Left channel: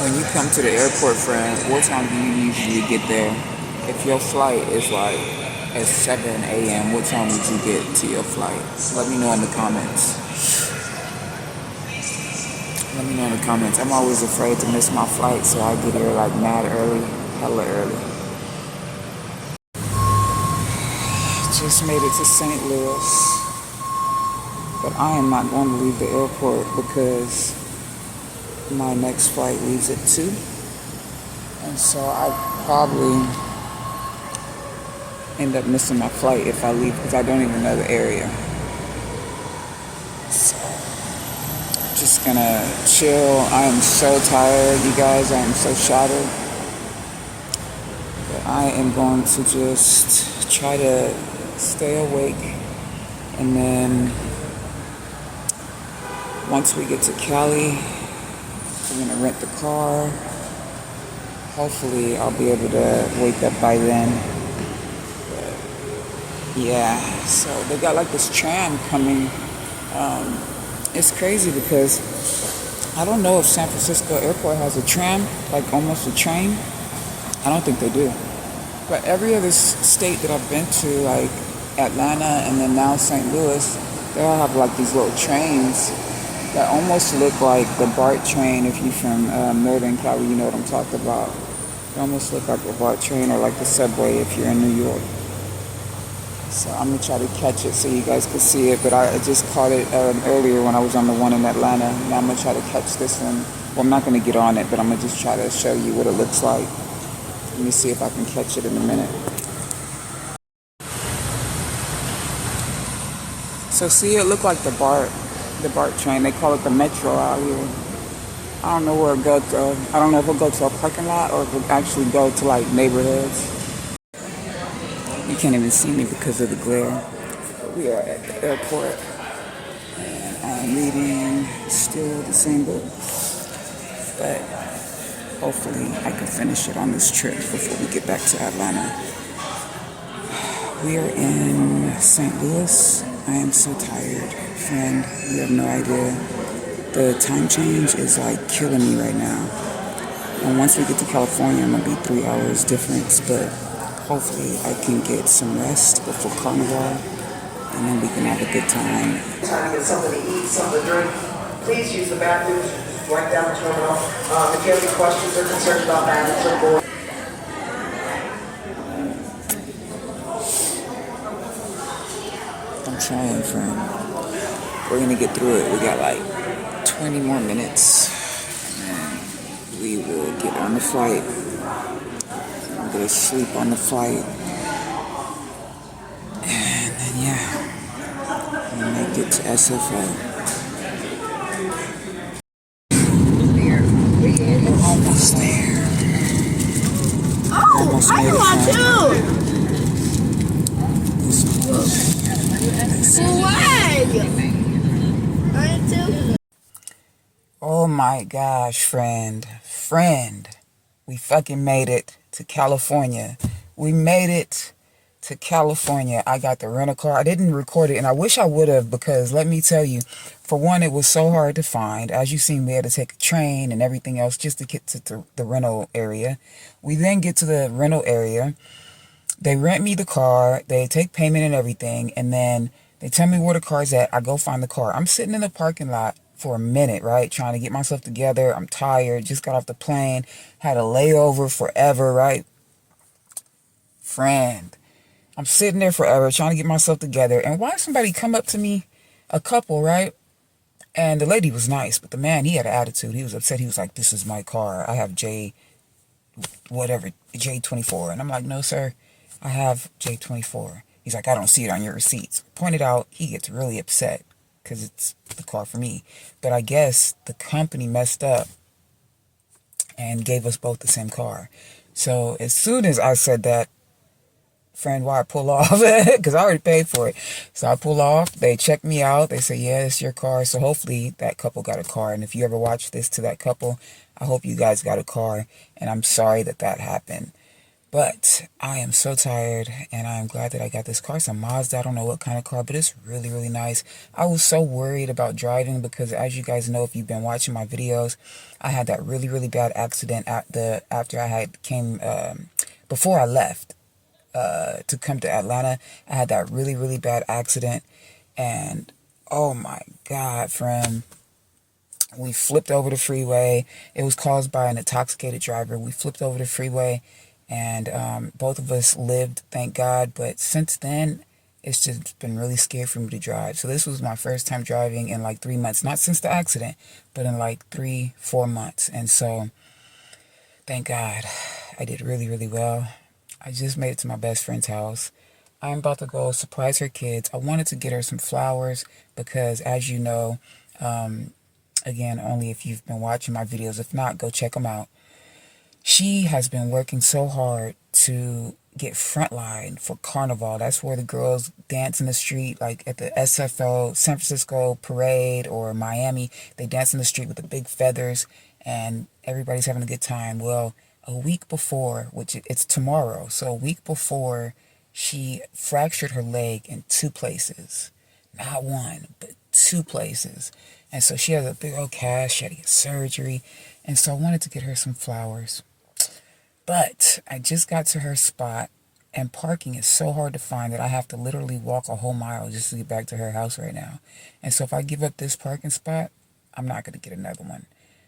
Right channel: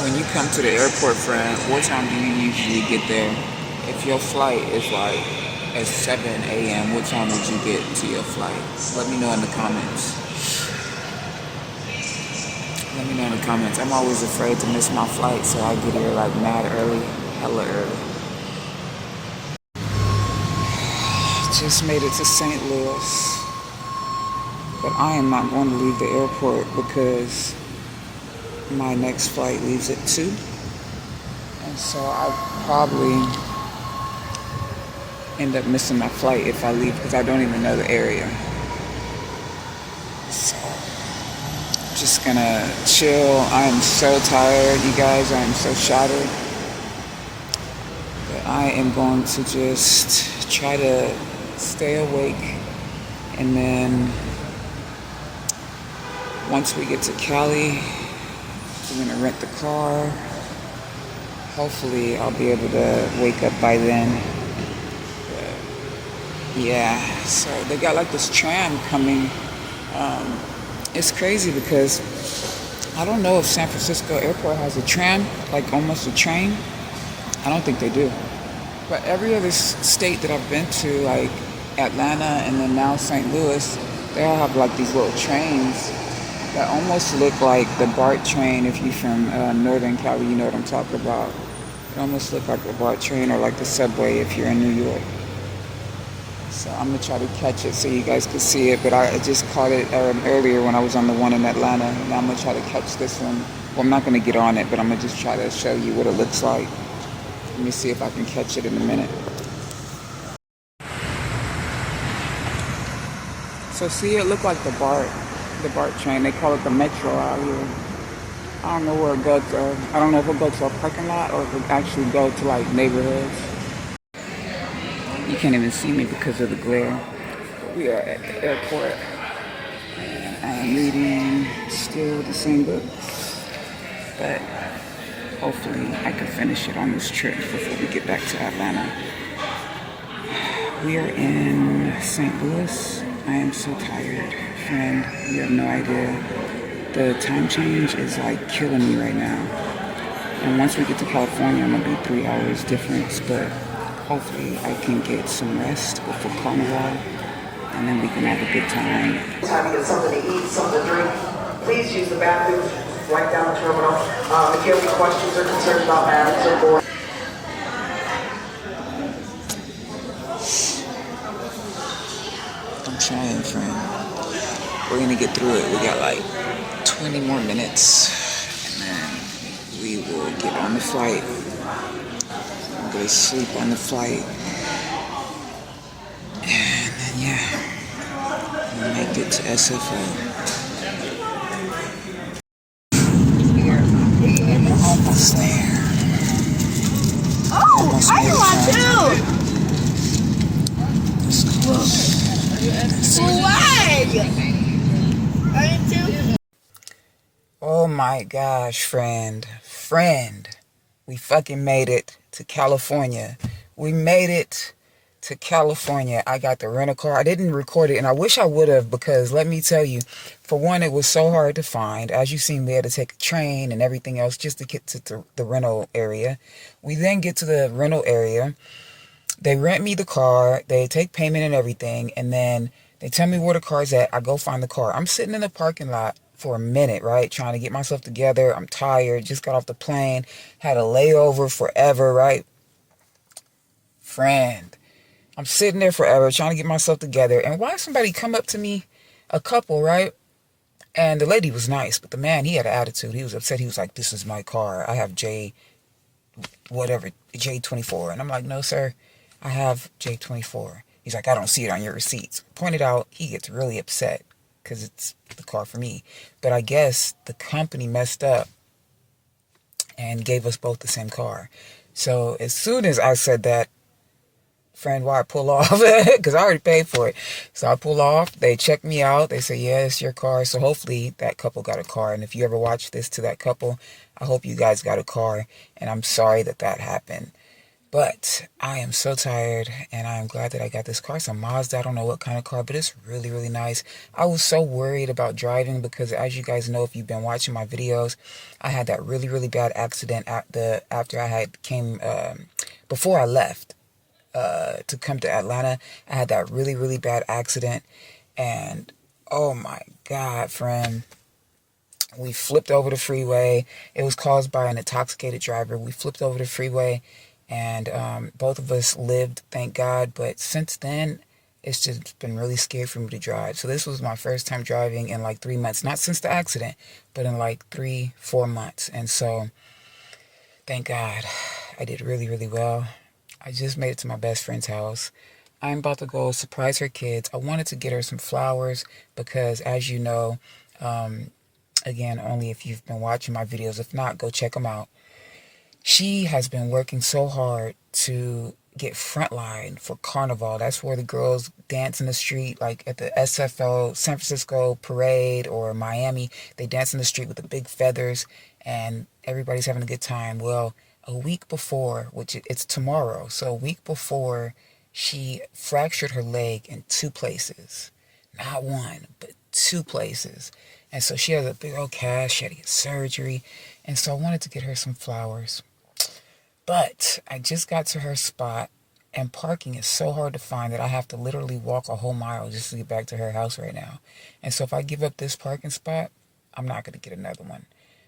When you come to the airport, friend, what time do you usually get there? If your flight is like at 7 a.m., what time would you get to your flight? Let me know in the comments. Let me know in the comments. I'm always afraid to miss my flight, so I get here like mad early, hella early. Just made it to St. Louis, but I am not going to leave the airport because my next flight leaves at 2. And so I probably end up missing my flight if I leave because I don't even know the area. So I'm just gonna chill. I am so tired, you guys. I am so shattered. But I am going to just try to stay awake. And then once we get to Cali, we're gonna rent the car. Hopefully I'll be able to wake up by then. But yeah, so they got like this tram coming. It's crazy because I don't know if San Francisco Airport has a tram, like almost a train. I don't think they do. But every other state that I've been to, like Atlanta and then now St. Louis, they all have like these little trains that almost look like the BART train. If you're from Northern Cali, you know what I'm talking about. It almost look like a BART train or like the subway if you're in New York. So I'm going to try to catch it so you guys can see it. But I just caught it earlier when I was on the one in Atlanta. Now I'm going to try to catch this one. Well, I'm not going to get on it, but I'm going to just try to show you what it looks like. Let me see if I can catch it in a minute. So see, it looked like the BART train. They call it the Metro out here. I don't know where it goes to. I don't know if it'll go to a parking lot or if it'll actually go to like neighborhoods. You can't even see me because of the glare. But we are at the airport. And I am reading still the same book. But hopefully I can finish it on this trip before we get back to Atlanta. We are in St. Louis. I am so tired, friend. You have no idea. The time change is like killing me right now. And once we get to California, I'm gonna be 3 hours difference, but hopefully I can get some rest before Carnaval, and then we can have a good time. Time to get something to eat, something to drink. Please use the bathroom right down the terminal. If you have any questions or concerns about bags or board. I'm trying, friend. We're gonna get through it. We got like 20 more minutes, and then we will get on the flight. I'm gonna sleep on the flight, and then yeah, we'll make it to SFO. We're almost there. Almost made it, friend. Oh my gosh, friend, we fucking made it to California. We made it to California. I got the rental car. I didn't record it, and I wish I would have, because let me tell you, for one, it was so hard to find. As you seen, we had to take a train and everything else just to get to the rental area. We then get to the rental area. They rent me the car. They take payment and everything, and then they tell me where the car's at. I go find the car. I'm sitting in the parking lot for a minute, right? Trying to get myself together. I'm tired. Just got off the plane. Had a layover forever, right? Friend, I'm sitting there forever trying to get myself together. And why somebody come up to me, a couple, right? And the lady was nice, but the man, he had an attitude. He was upset. He was like, "This is my car. I have J24. And I'm like, "No, sir. I have J24. He's like, "I don't see it on your receipts." Pointed out, he gets really upset because it's the car for me. But I guess the company messed up and gave us both the same car. So as soon as I said that, friend, why I pull off? Because I already paid for it. So I pull off. They check me out. They say, "Yeah, it's your car." So hopefully that couple got a car. And if you ever watch this to that couple, I hope you guys got a car. And I'm sorry that happened. But I am so tired, and I am glad that I got this car. It's a Mazda. I don't know what kind of car, but it's really, really nice. I was so worried about driving because, as you guys know, if you've been watching my videos, I had that really, really bad accident after I had before I left to come to Atlanta. I had that really, really bad accident, and oh my God, friend. We flipped over the freeway. It was caused by an intoxicated driver. We flipped over the freeway, and both of us lived, thank God. But since then, it's just been really scary for me to drive. So this was my first time driving in like 3 months. Not since the accident, but in like 3-4 months. And so, thank God, I did really, really well. I just made it to my best friend's house. I'm about to go surprise her kids. I wanted to get her some flowers because, as you know, again, only if you've been watching my videos. If not, go check them out. She has been working so hard to get Frontline for Carnaval. That's where the girls dance in the street, like at the SFO, San Francisco Parade, or Miami. They dance in the street with the big feathers, and everybody's having a good time. Well, a week before, which it's tomorrow, so a week before, she fractured her leg in 2 places. Not one, but 2 places. And so she has a big old cast. She had to get surgery. And so I wanted to get her some flowers. But I just got to her spot, and parking is so hard to find that I have to literally walk a whole mile just to get back to her house right now. And so if I give up this parking spot, I'm not going to get another one.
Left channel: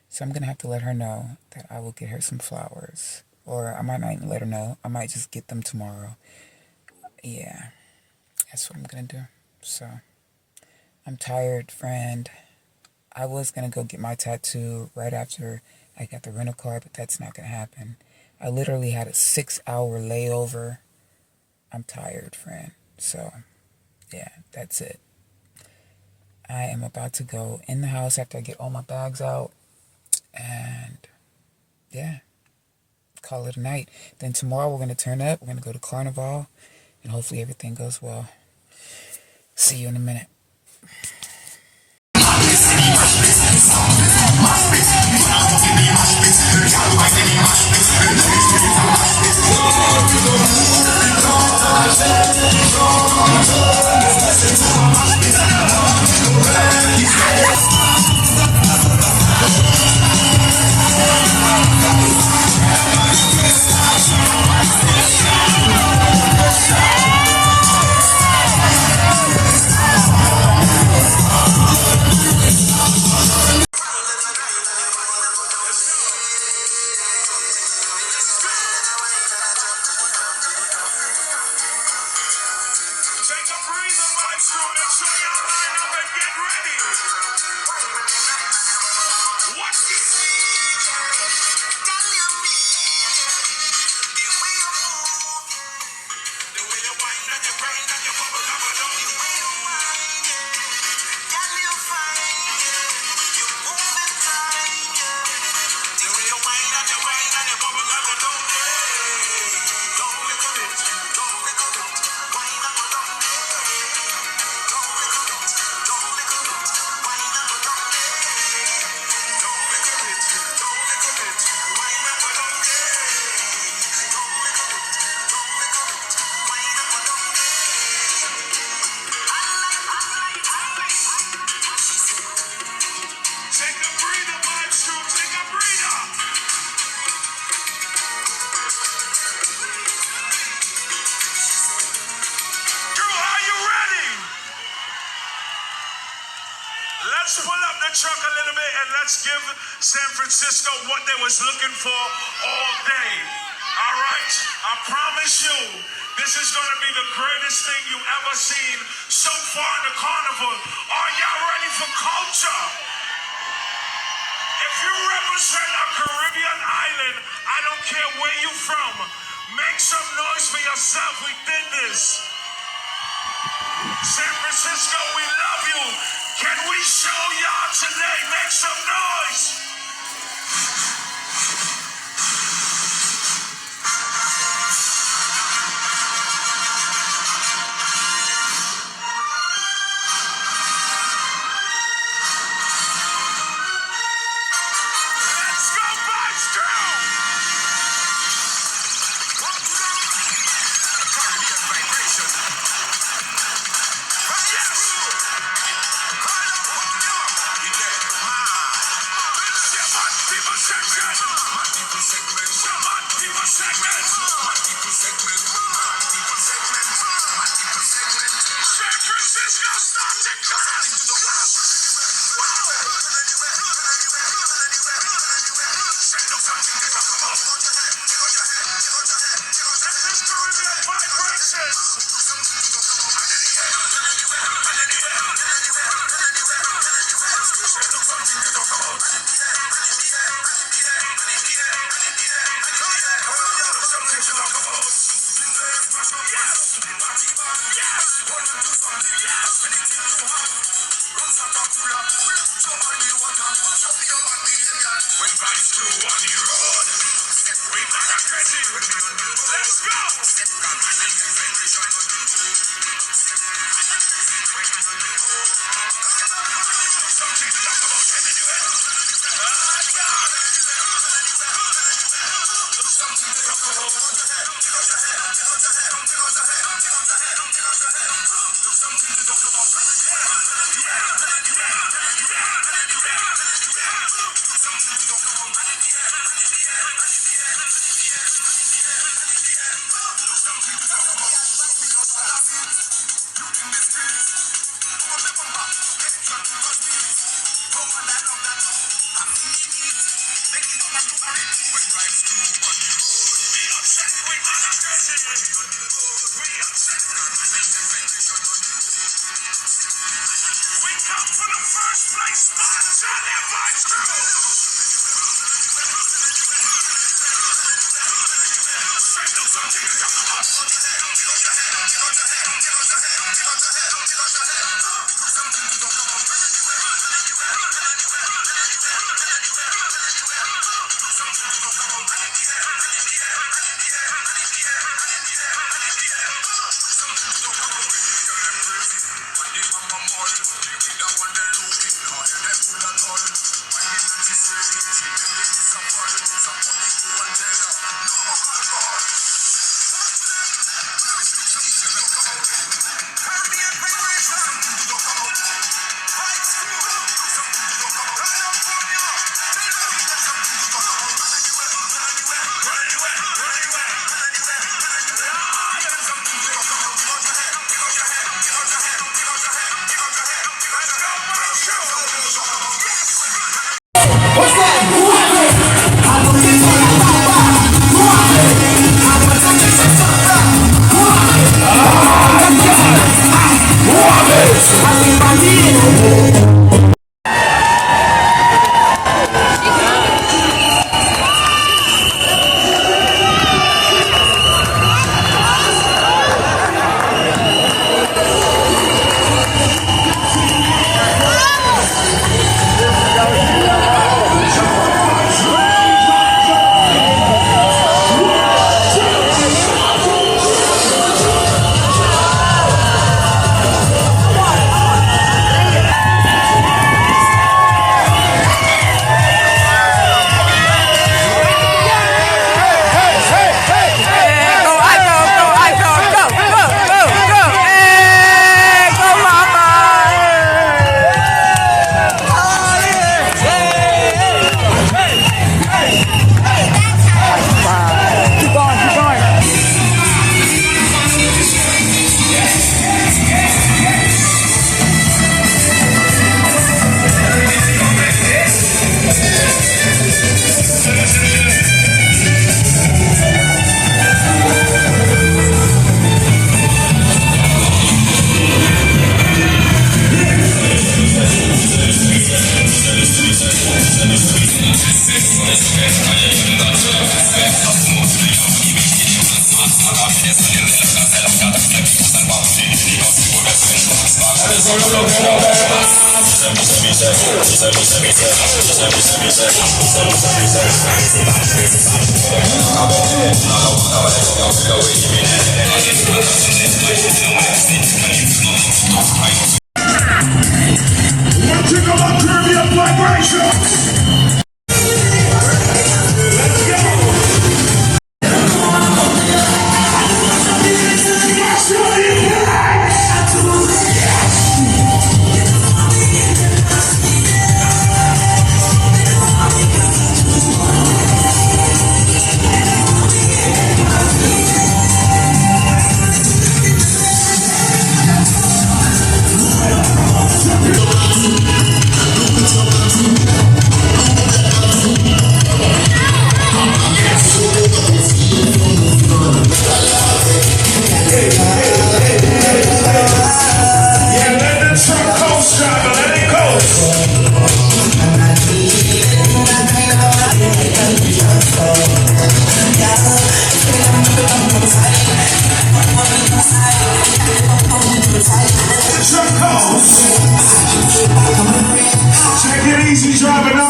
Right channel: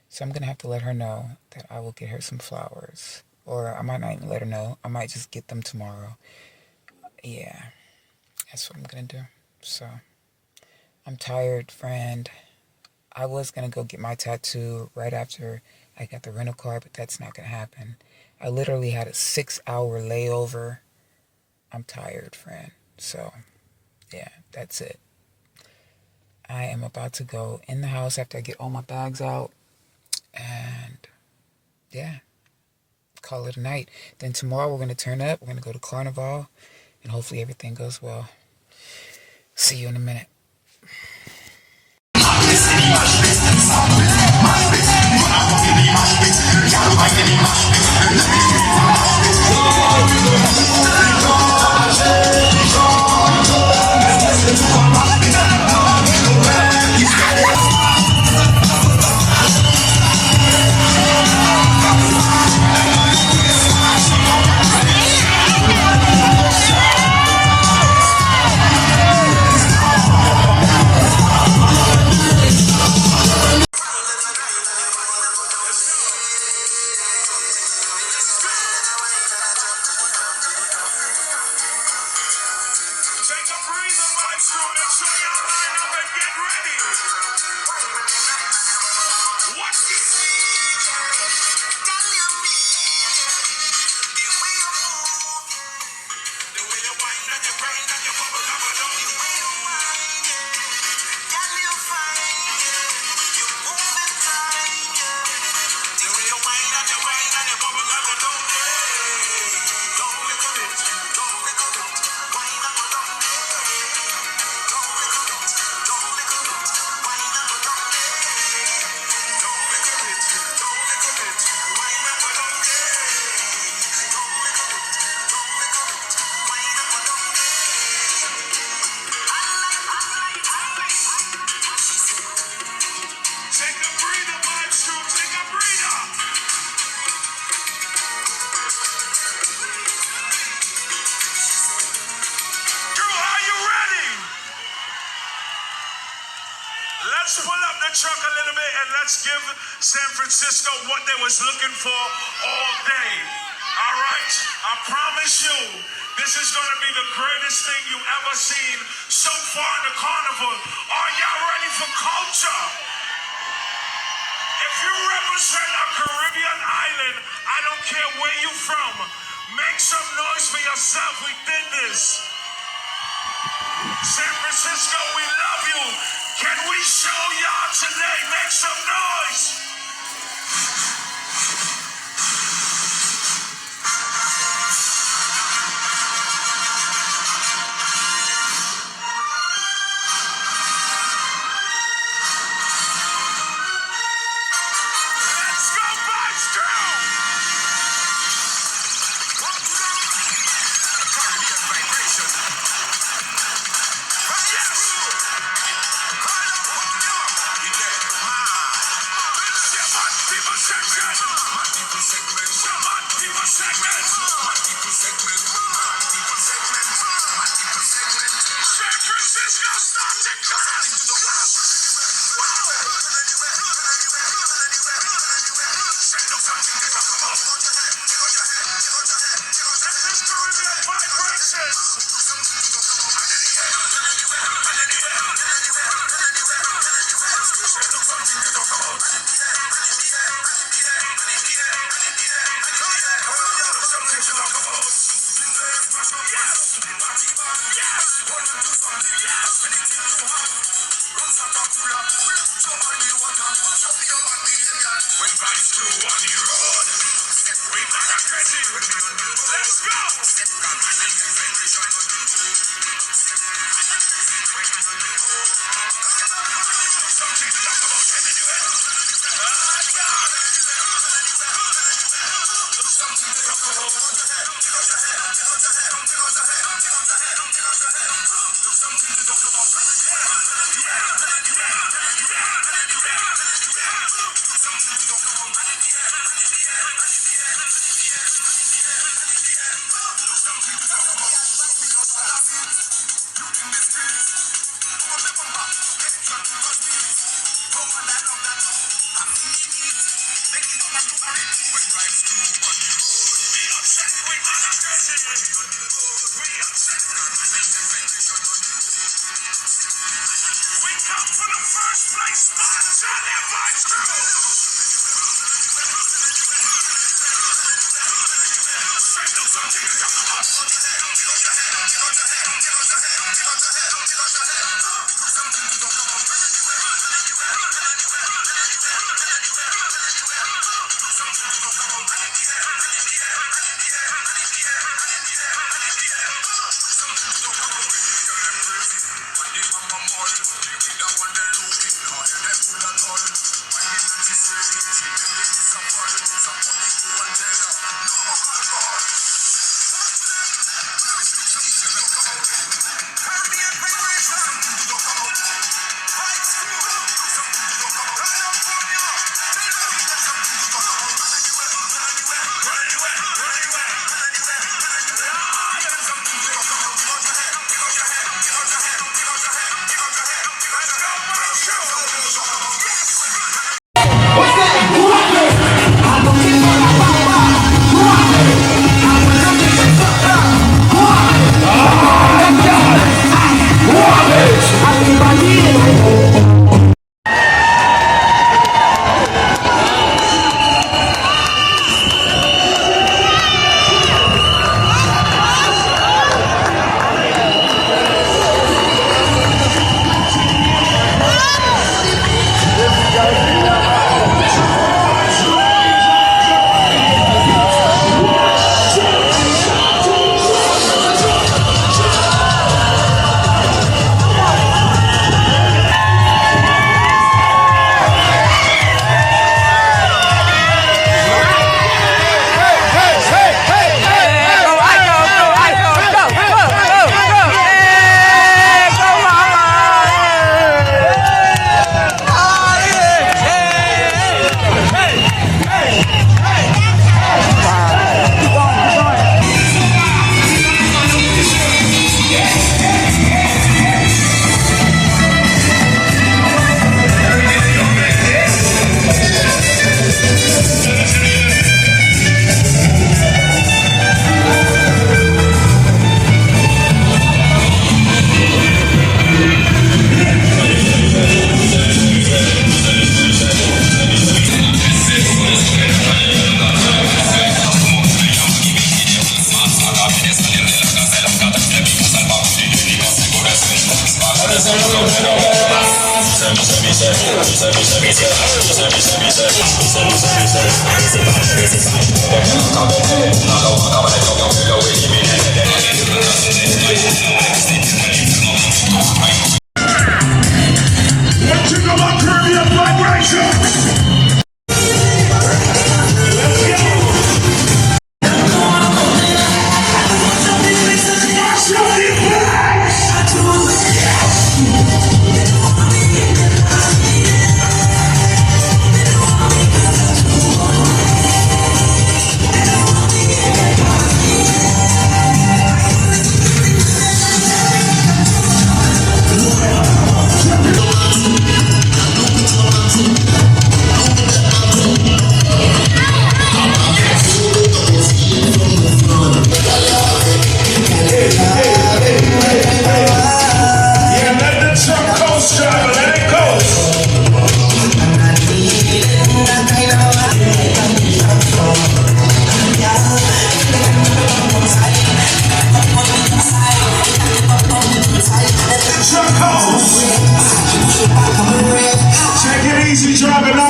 So I'm going to have to let her know that I will get her some flowers. Or I might not even let her know. I might just get them tomorrow. Yeah, that's what I'm going to do. So I'm tired, friend. I was going to go get my tattoo right after I got the rental car, but that's not going to happen. I literally had a 6-hour layover. I'm tired, friend. So, yeah, that's it. I am about to go in the house after I get all my bags out. And, yeah, call it a night. Then tomorrow we're going to turn up. We're going to go to Carnaval. And hopefully everything goes well. See you in a minute. Let's pull up the truck a little bit and let's give San Francisco what they was looking for all day. All right? I promise you, this is going to be the greatest thing you've ever seen so far in the carnival. Are y'all ready for culture? If you represent a Caribbean island, I don't care where you're from, make some noise for yourself. We did this. San Francisco, we love you. Can we show y'all today? Make some noise. Let's go, Bucks, girl. San Francisco, start to clap. Let's go!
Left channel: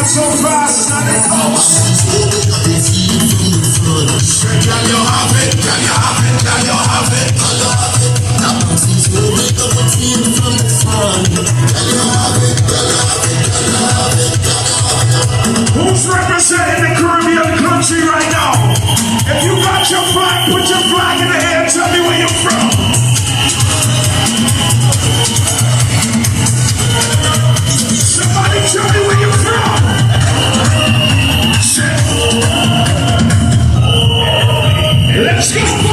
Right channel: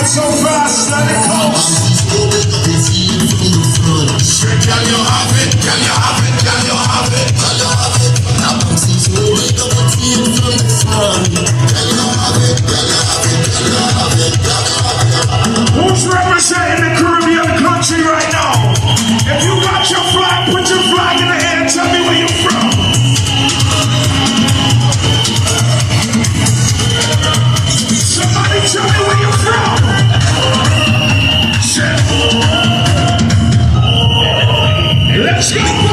so fast, let it go. Can you have it? Can you have it? Can you have it? Who's representing the Caribbean country right now? If you got your flag, put your flag in the air. Tell me where you're from. Somebody tell me where you're from. Let's go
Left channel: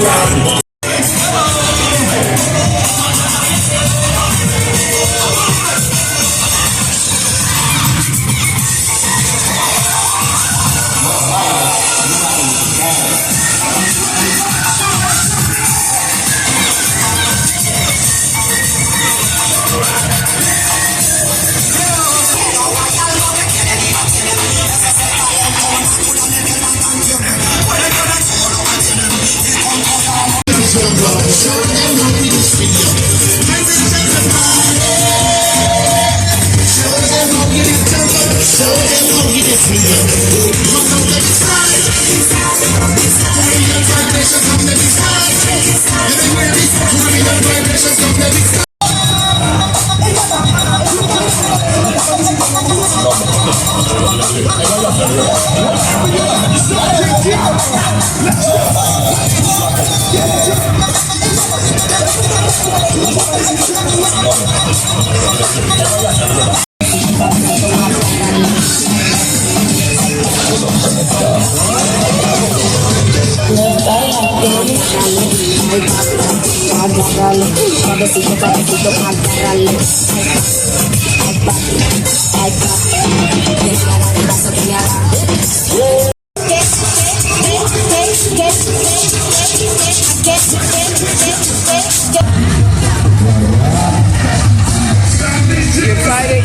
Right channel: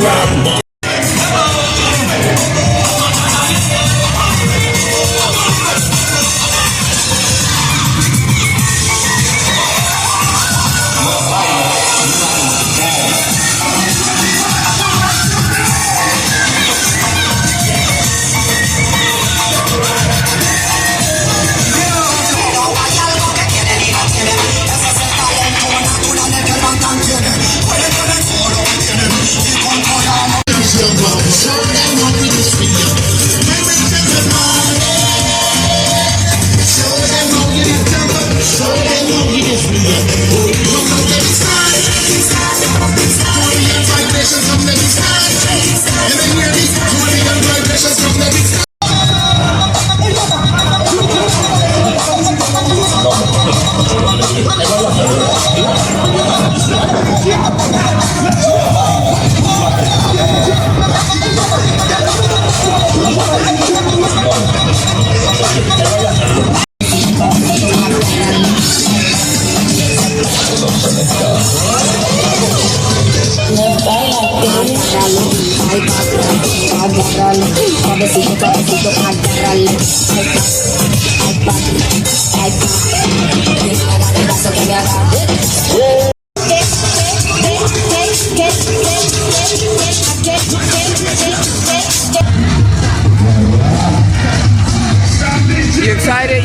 back You excited?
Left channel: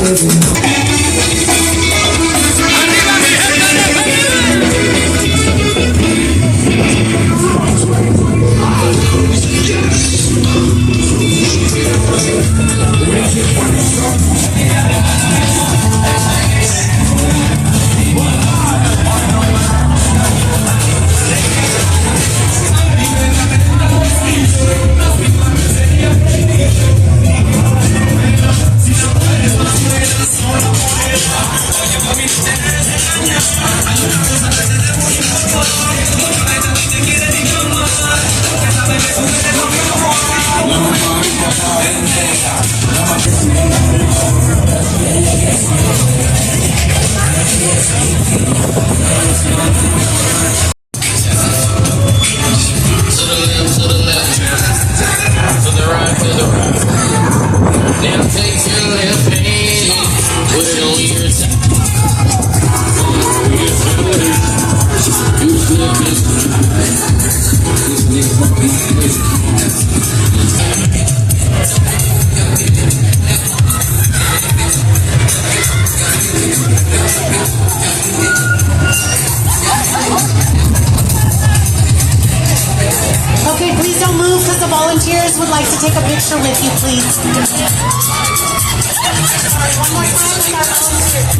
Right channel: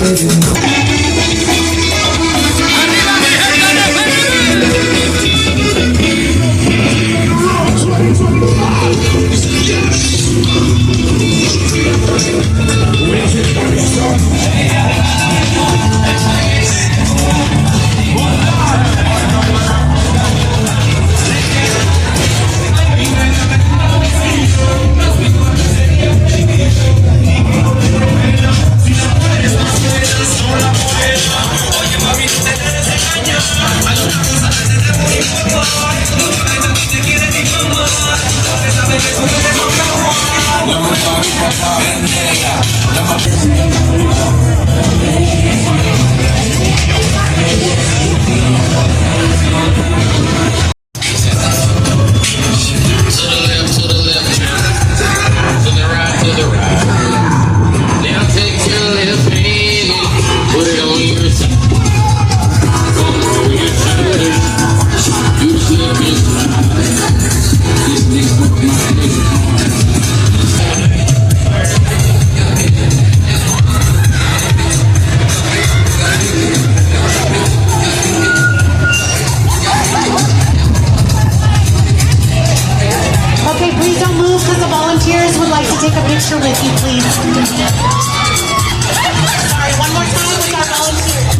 Okay, please don't move because the volunteers would like to take a picture with you, please. All right, one more time with our volunteers.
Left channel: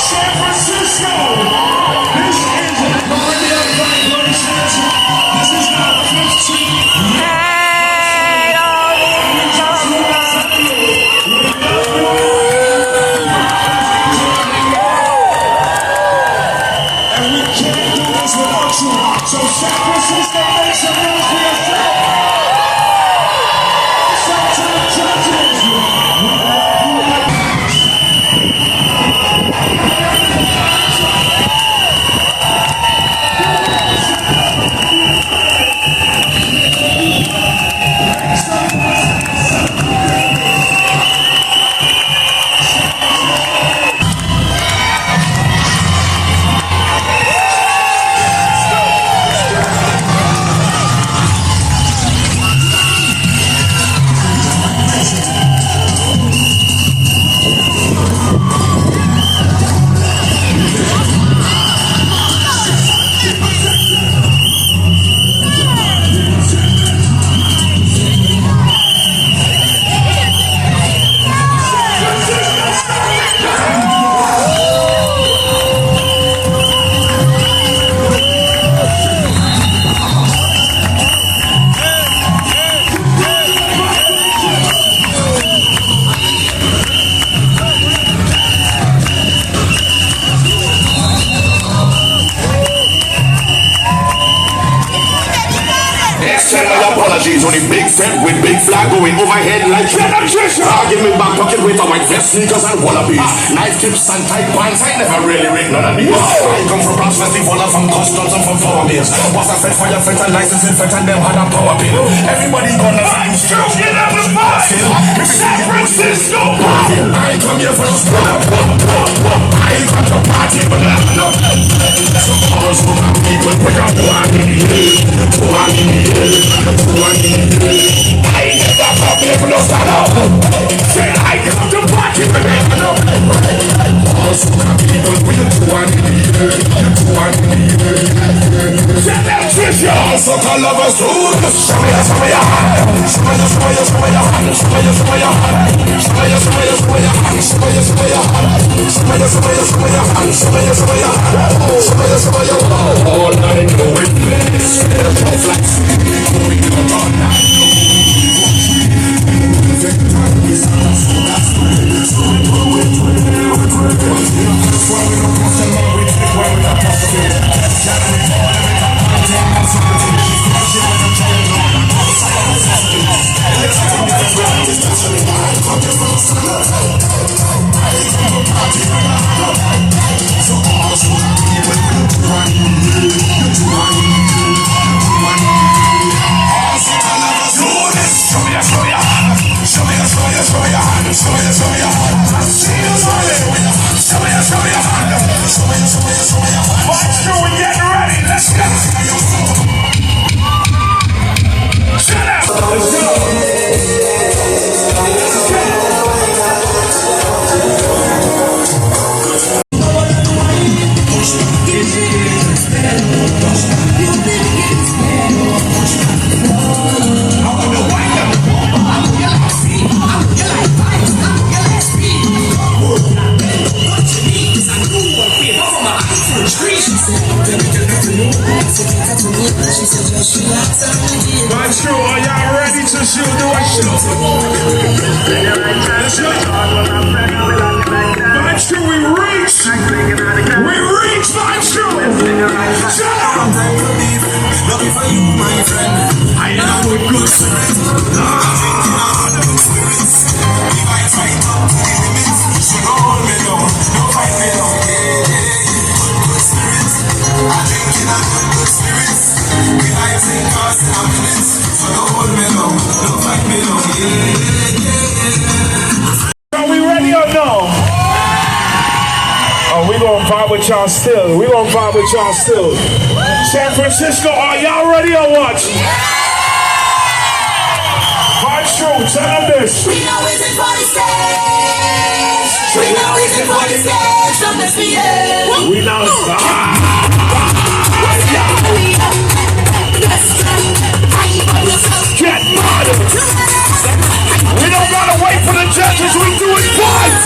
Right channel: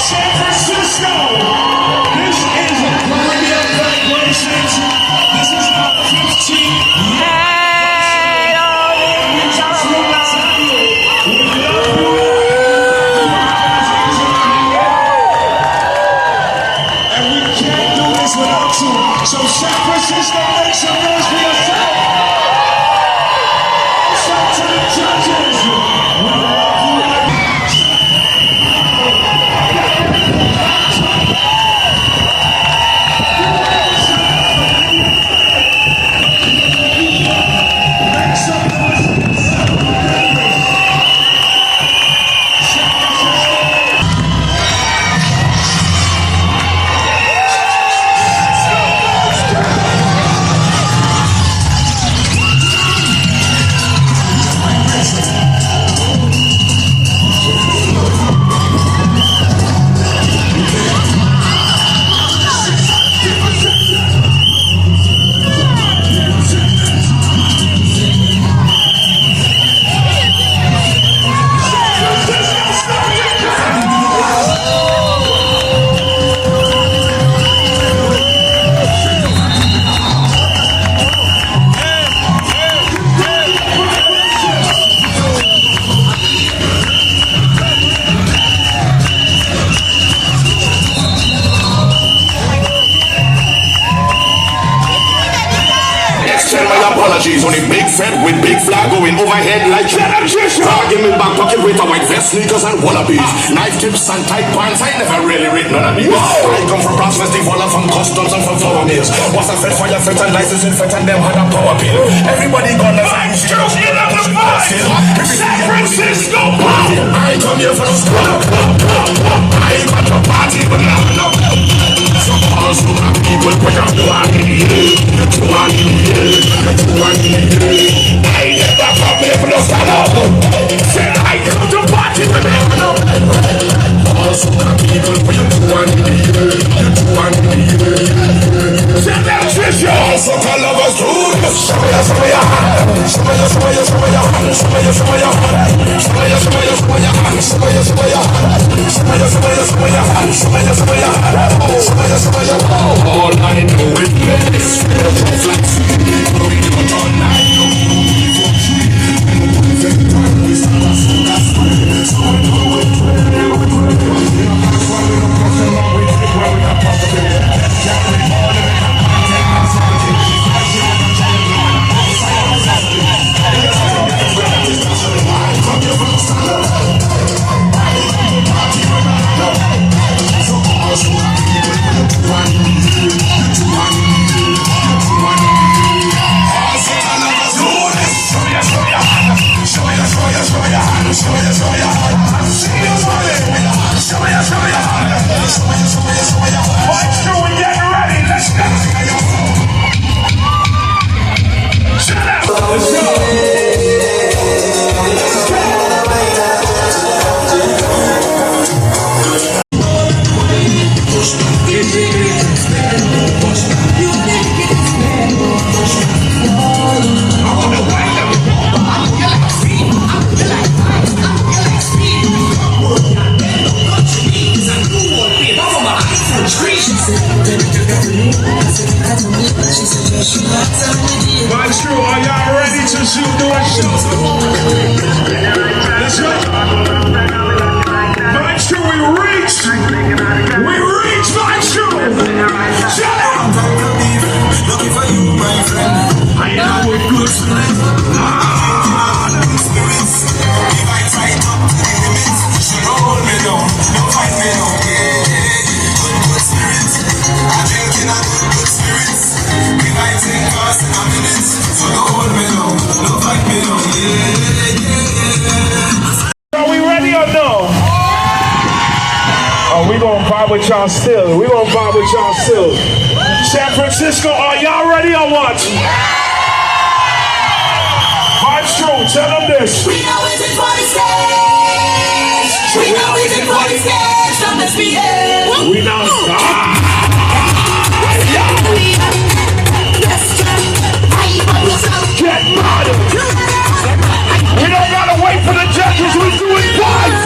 San Francisco, this is a brilliant congratulations. This is our 15th. Hey, all these And we can't do this without you. So San Francisco, make some noise for yourself. Shout to the judges. Send my apologies on a big friend with big flag going overhead like argument back pocket with a white vest, sneakers and wallabies. Knife tips and tight pants, I never really read none of these. I come from Bronx Festival and from customs and from flower mills. Was a fed fire fit and license in fit and them had a power bill. Everybody gonna find strong, you know what's passing. San Francisco, I come here for us. I come to party, but I'm not. People put up one in the air, one in the air. I never come here for no stand up. Say I come to party with them. People put one in the air, one in the air. Say that's just yours. Suck all of us. Show me your, show me your hand. Show me your, show me your, show me your hand. Show me your, show me your hand. Show me your, show me your, show me your hand. Show me your, show me your hand. Show me your, show me your, show me your hand. Show me your, show me your hand. Show me your, show me your hand. All night no witness. Vibes Crew, are y'all ready to shoot the show? Let's go. Vibes Crew, we reached. We reached Vibes Crew. Shut up. Looking for you, my friend. I know we're good friends. Are we ready or no? Oh, we gonna vibe with y'all still. We gonna vibe with y'all still. San Francisco, are y'all ready or what? Vibes tell them this. We know it's in for the stage. We know it's in for the stage. So much we have. We know. Get mad. We don't gotta wait for the judges. We do it live.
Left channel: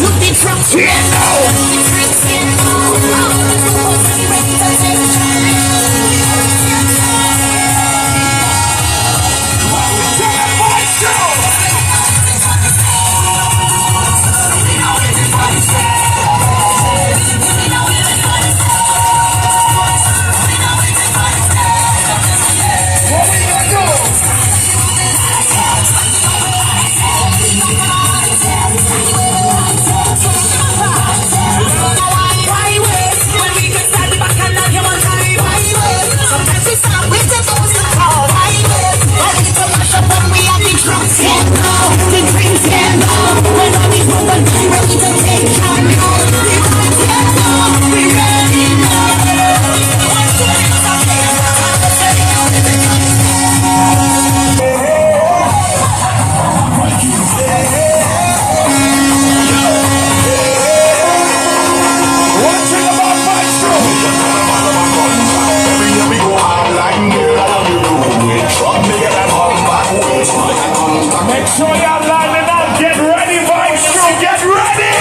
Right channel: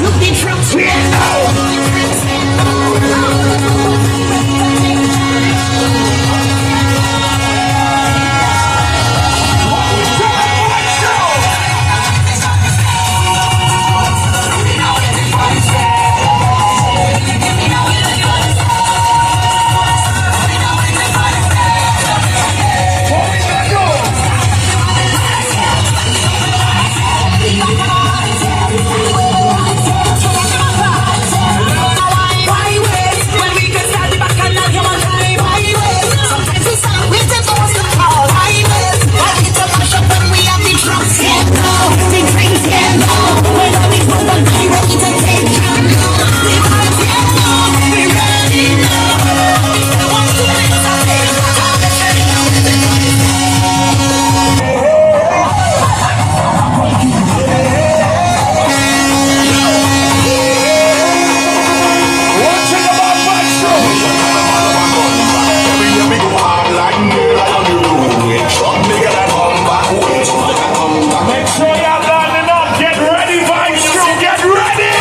Make sure y'all lining up. Get ready, vibes crew. Get ready.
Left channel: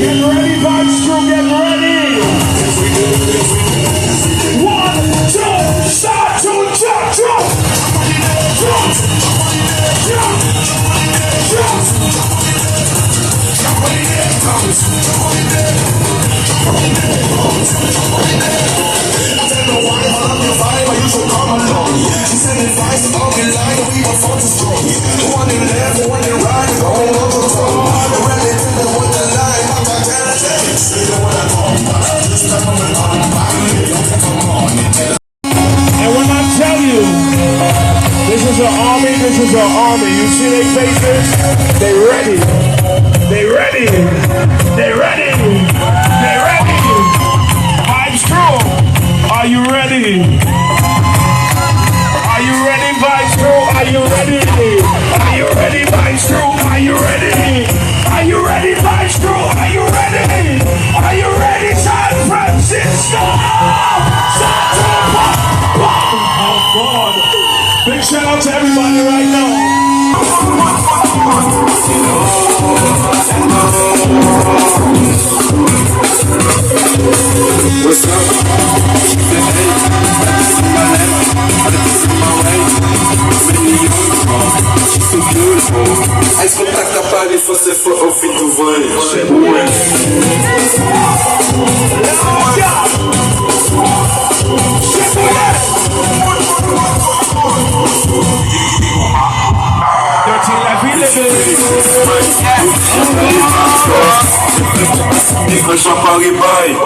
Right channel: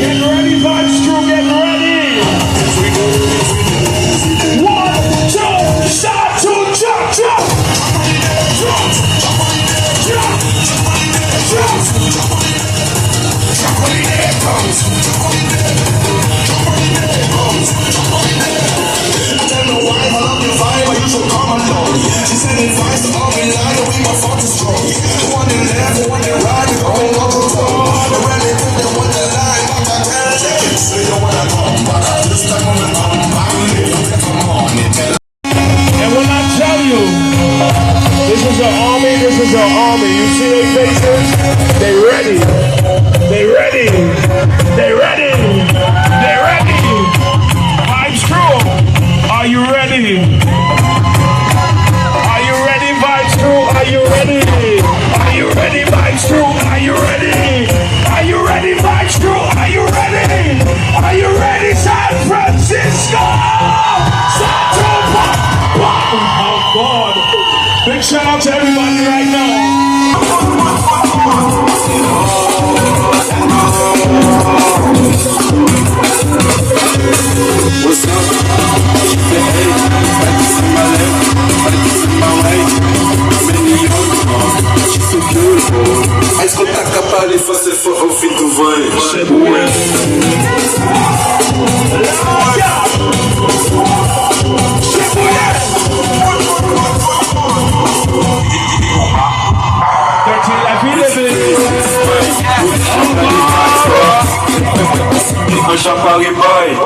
Get ready, vibes crew. Get ready. 1, 2, start to jump, jump. And when I tell you, this is an army, this is an army. You see their faces? They ready. They ready. They ready. They ready. Vibes crew, are you ready? Are you ready, Vibes crew? Are you ready? Are you ready, Vibes crew? Are you ready? Are you ready, Vibes crew? Are you ready? Are you ready, San Francisco? Oh God! Big shout out to everybody right now. What's up? So beautiful. A escutar que aparece você for ao fim do voo. Foi só pra alguém, pai.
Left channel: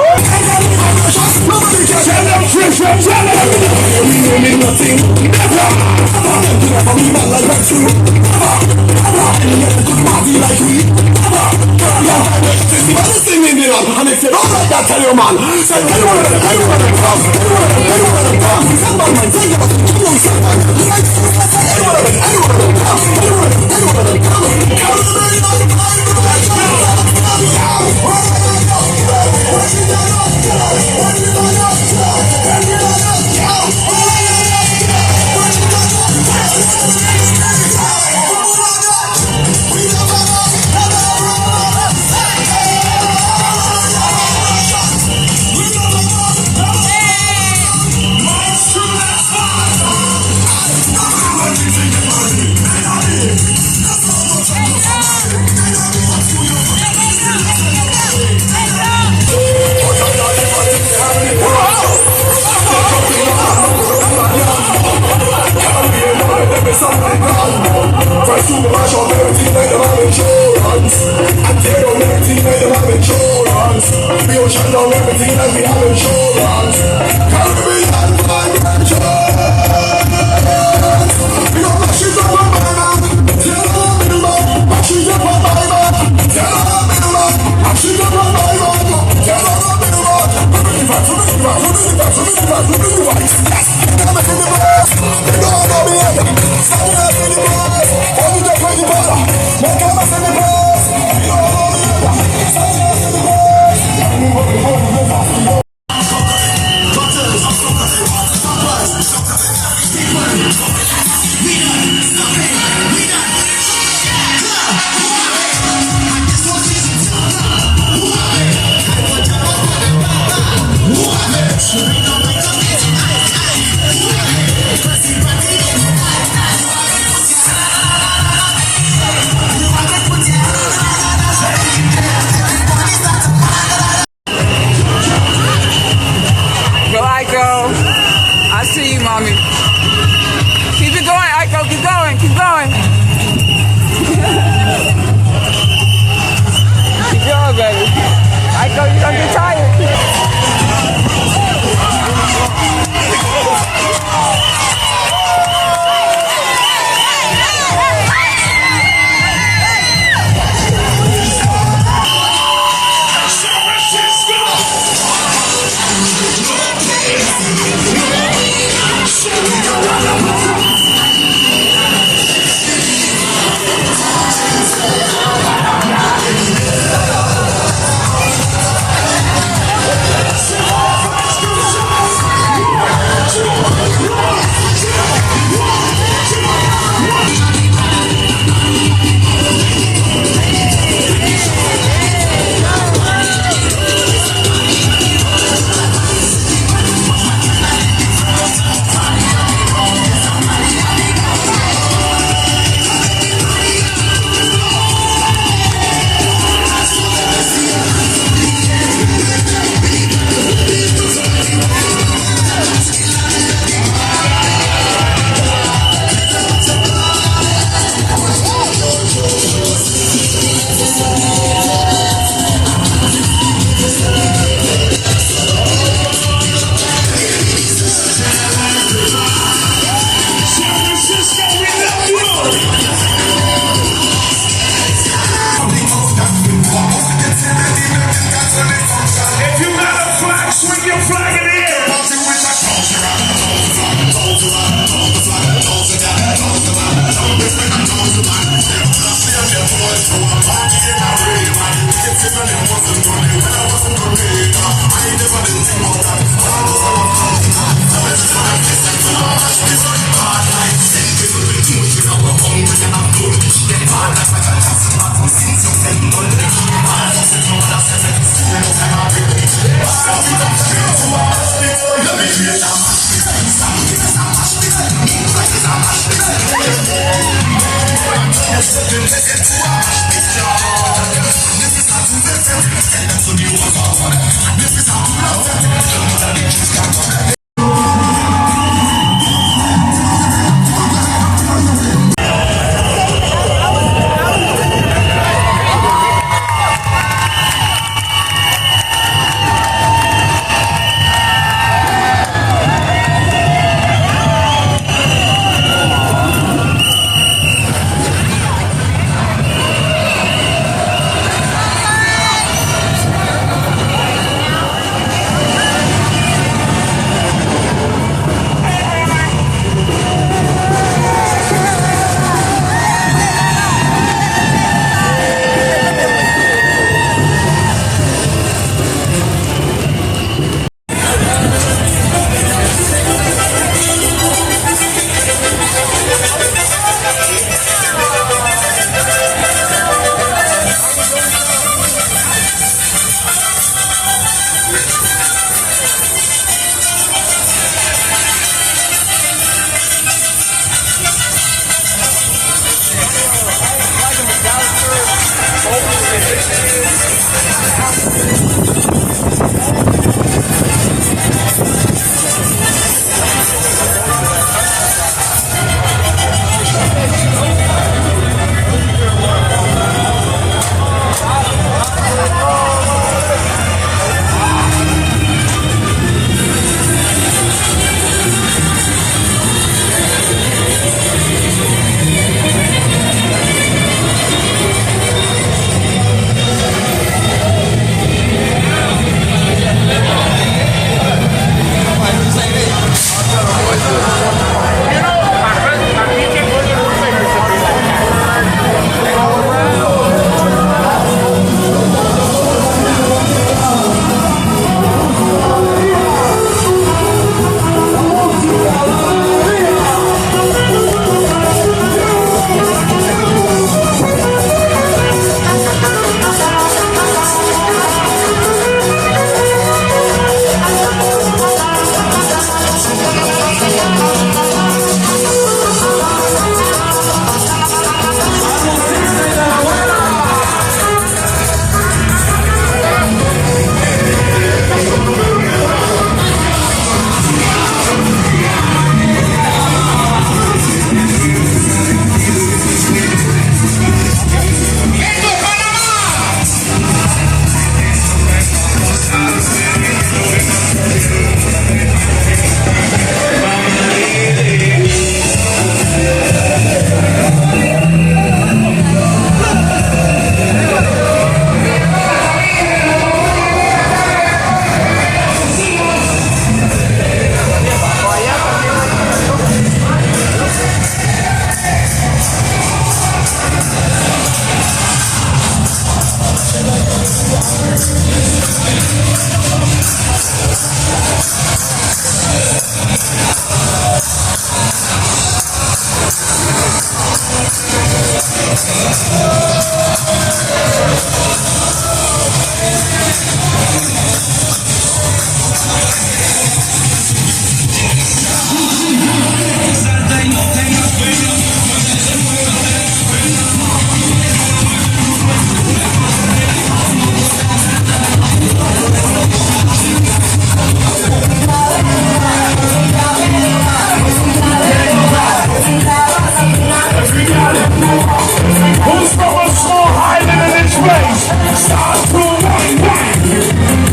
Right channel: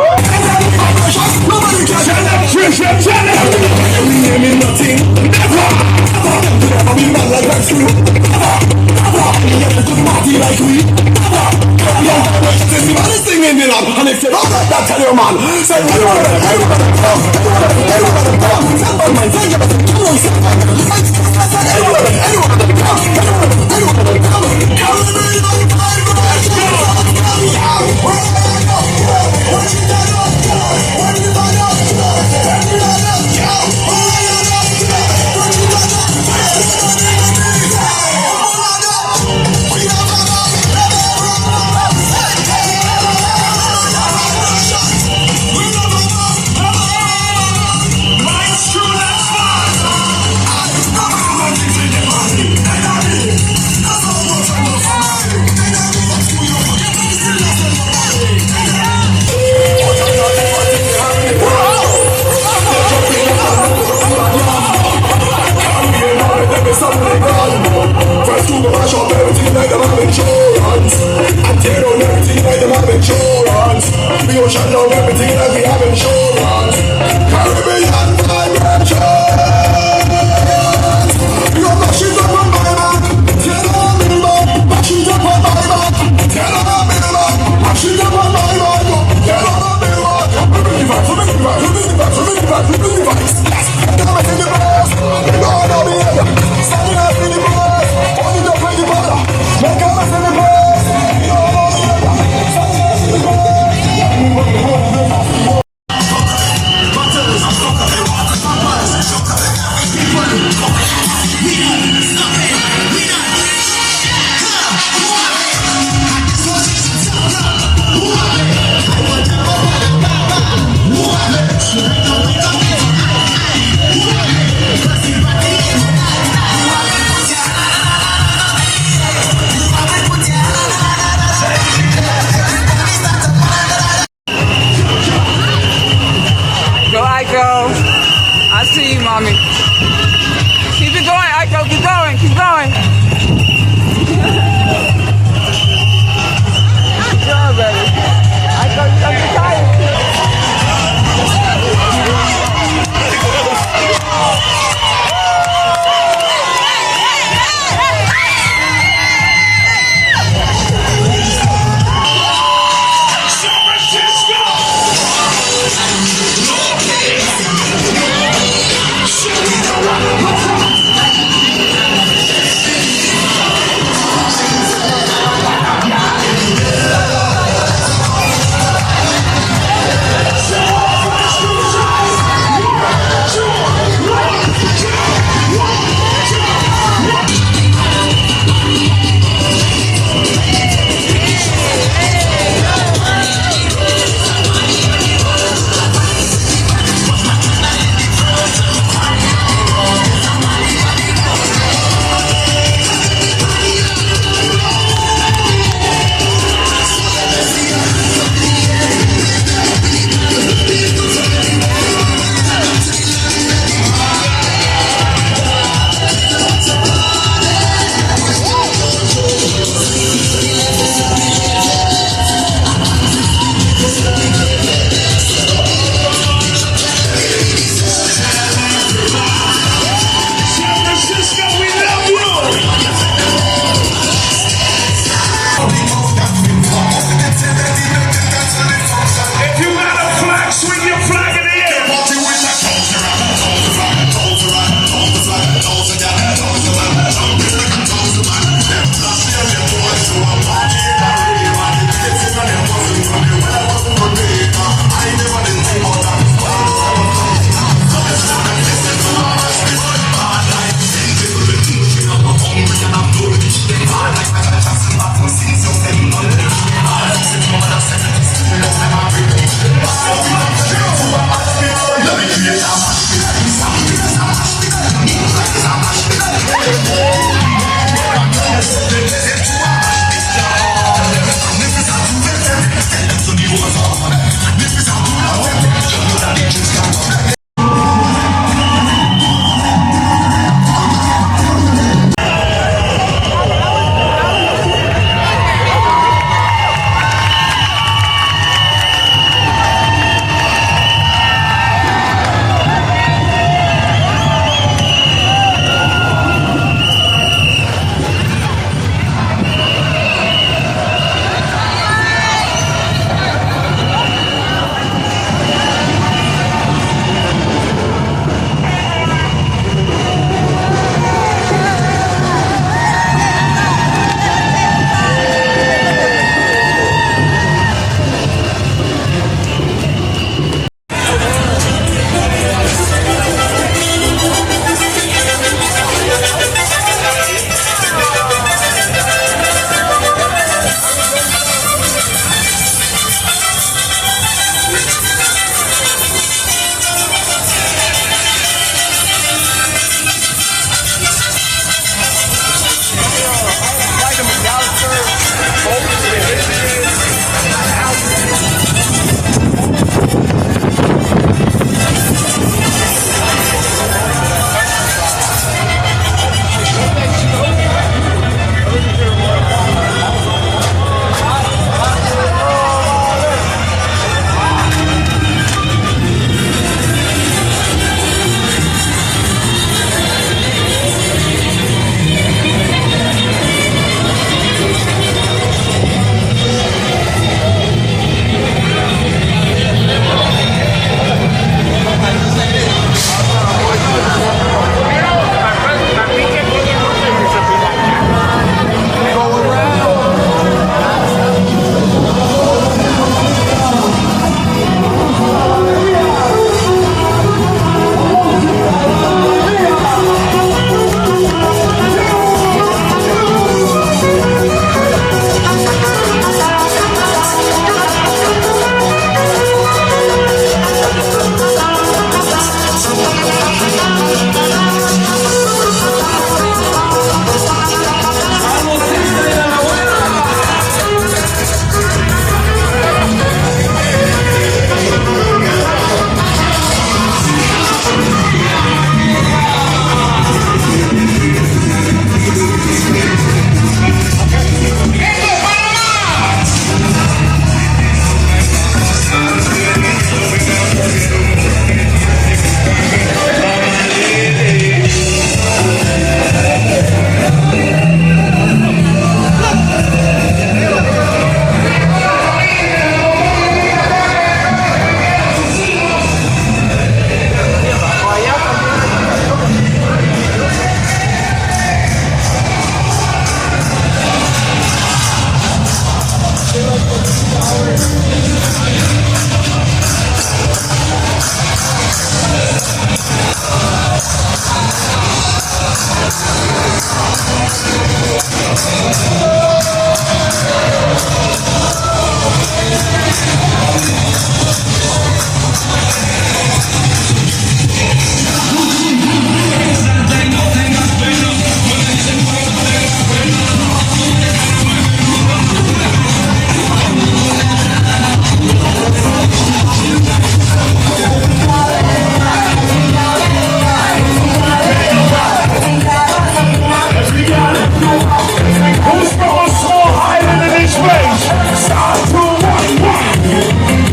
Who's from a small island in this space? Start to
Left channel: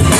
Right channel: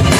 one.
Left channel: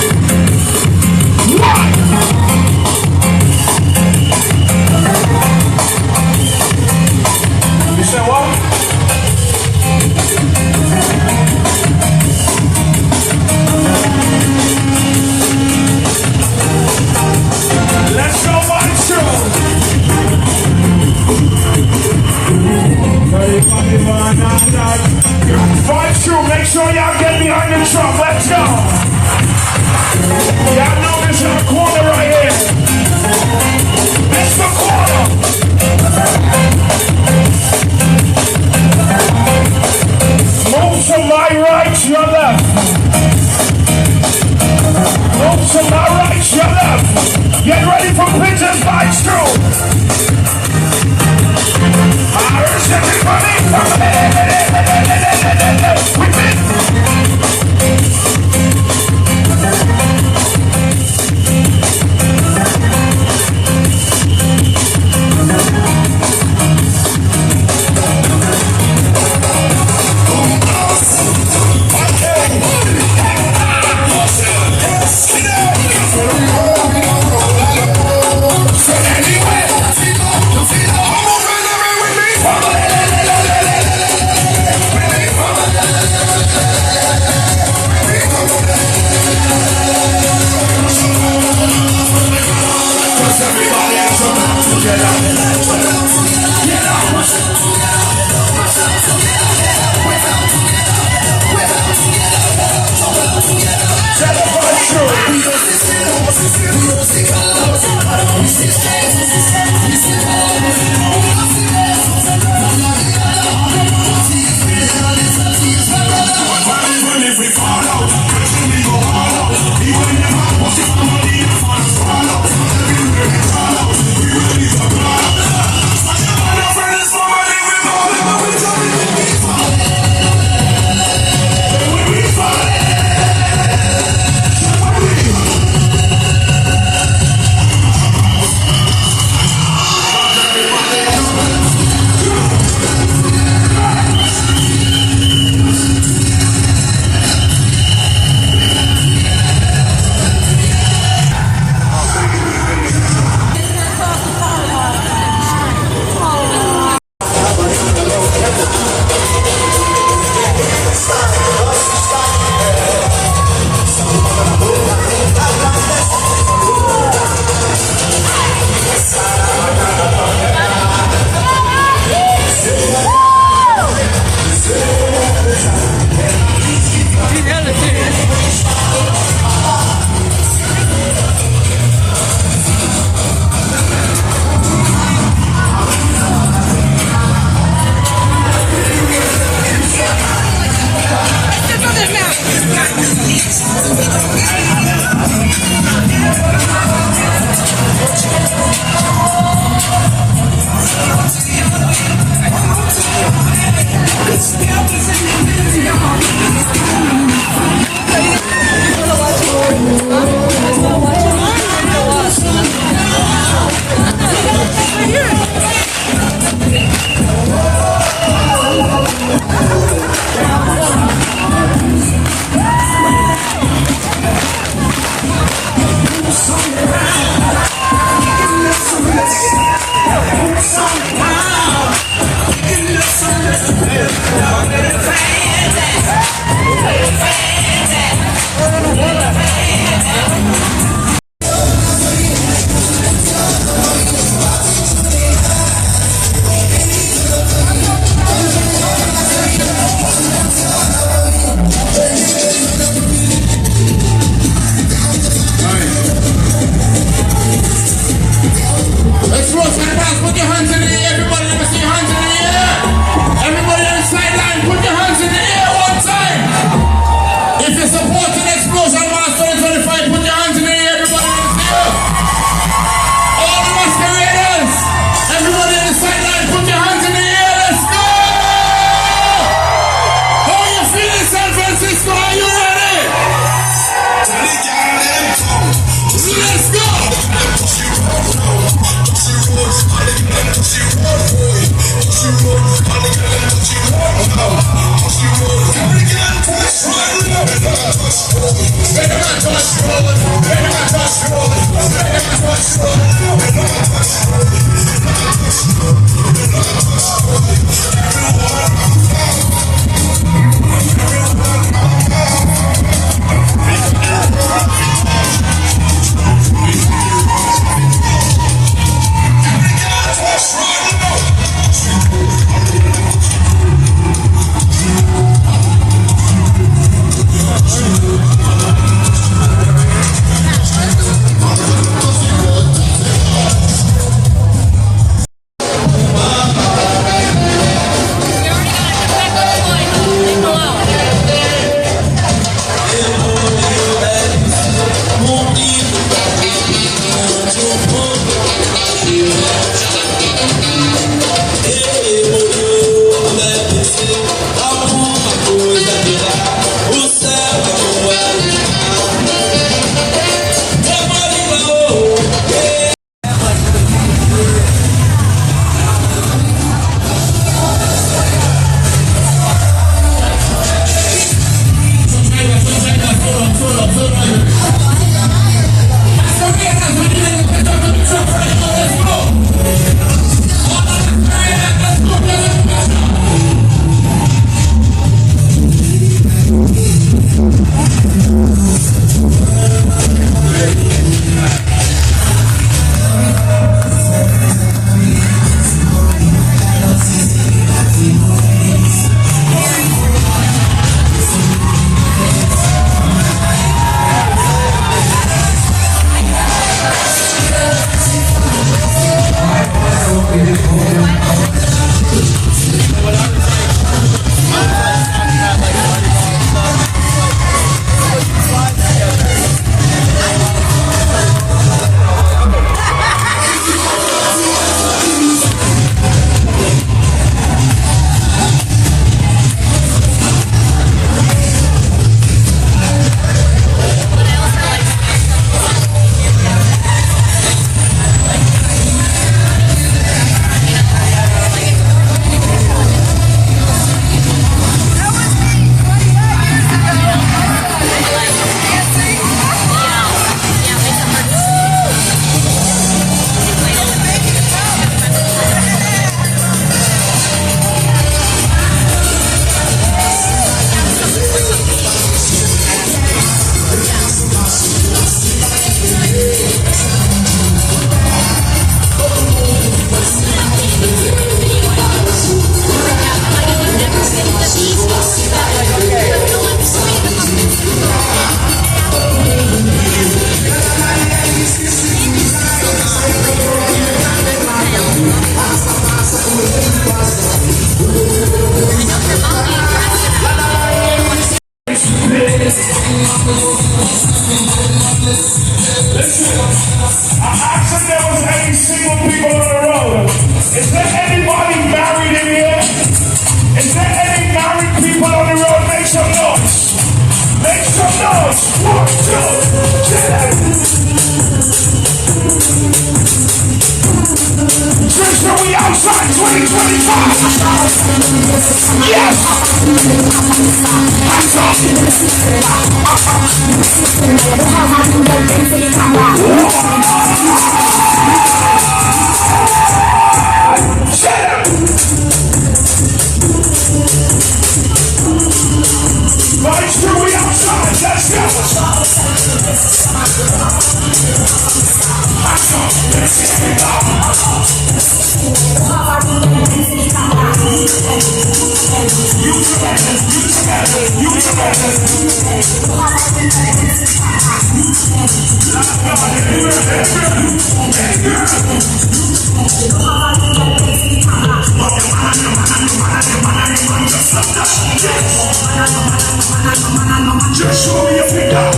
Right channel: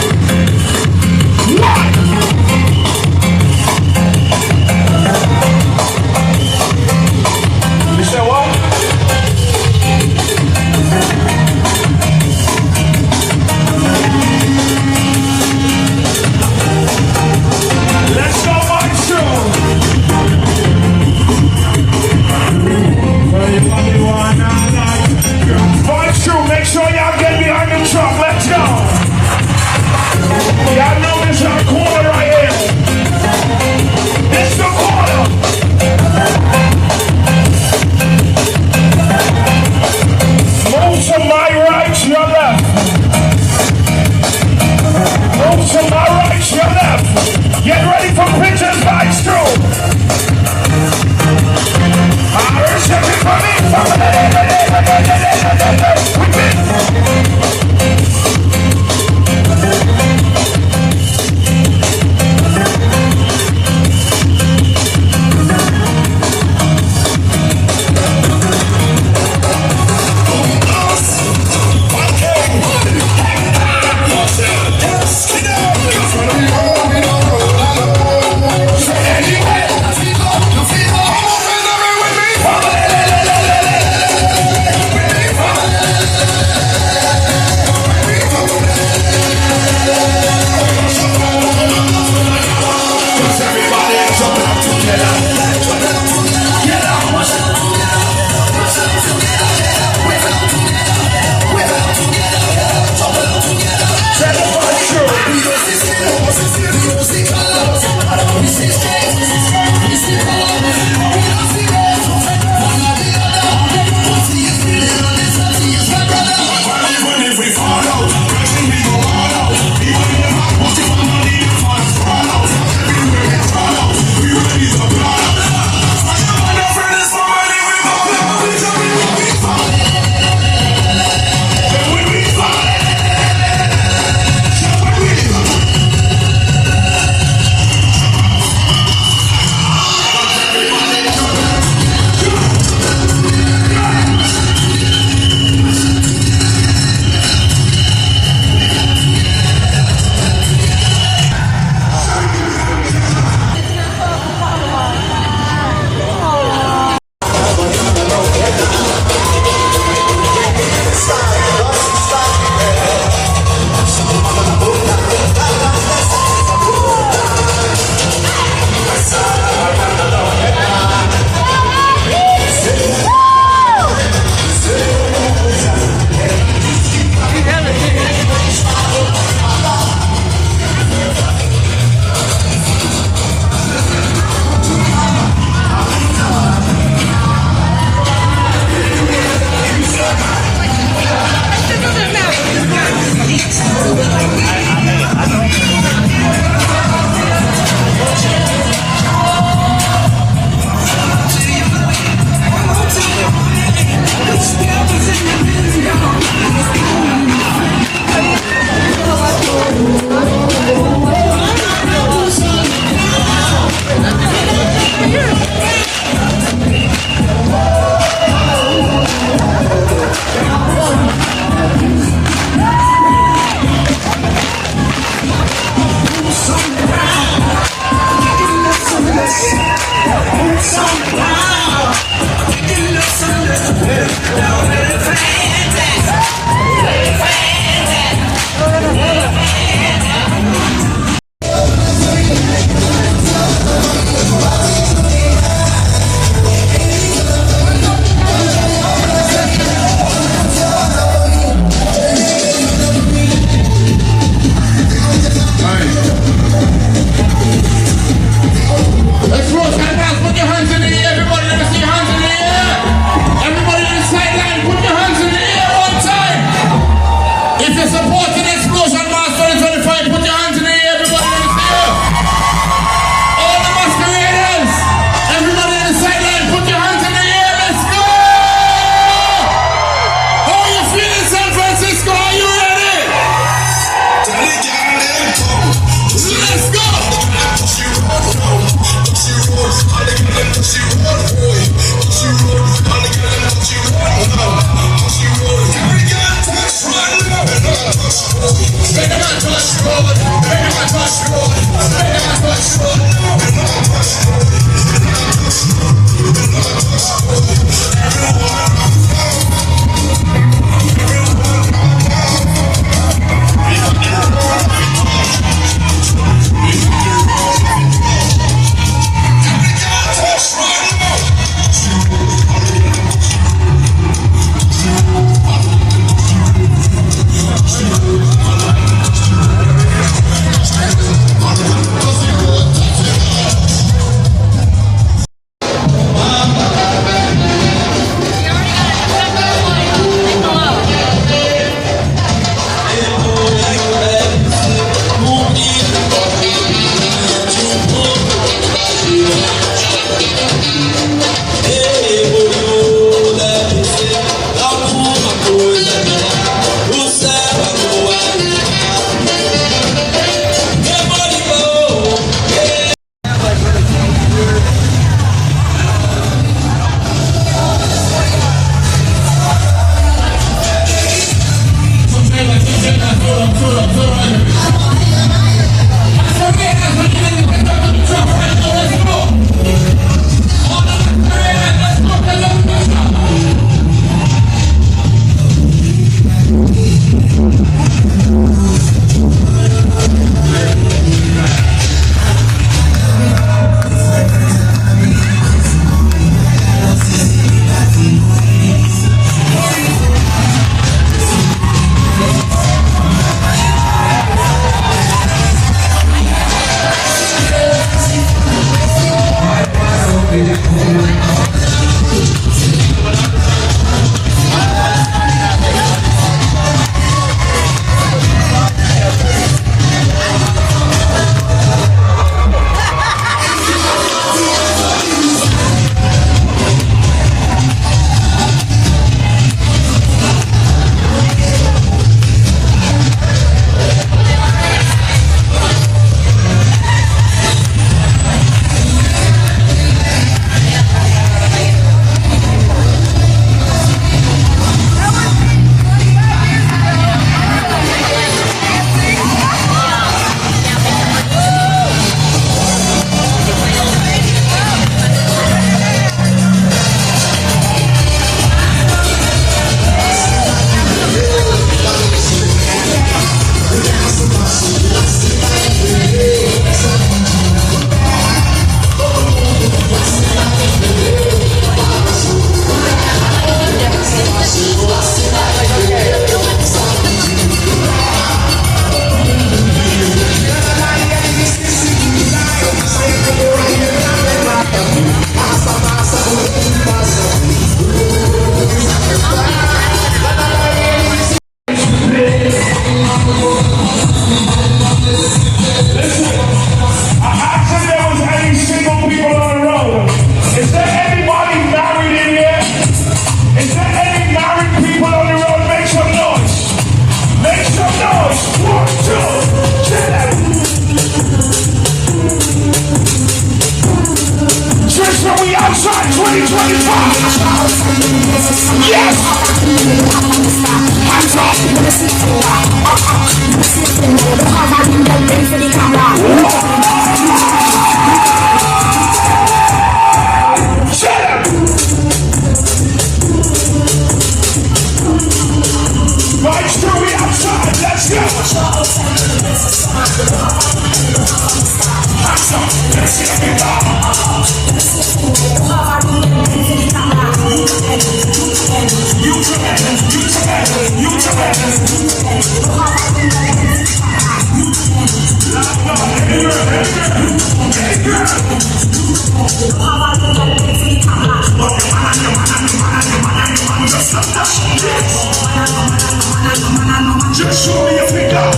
Just show me your finger.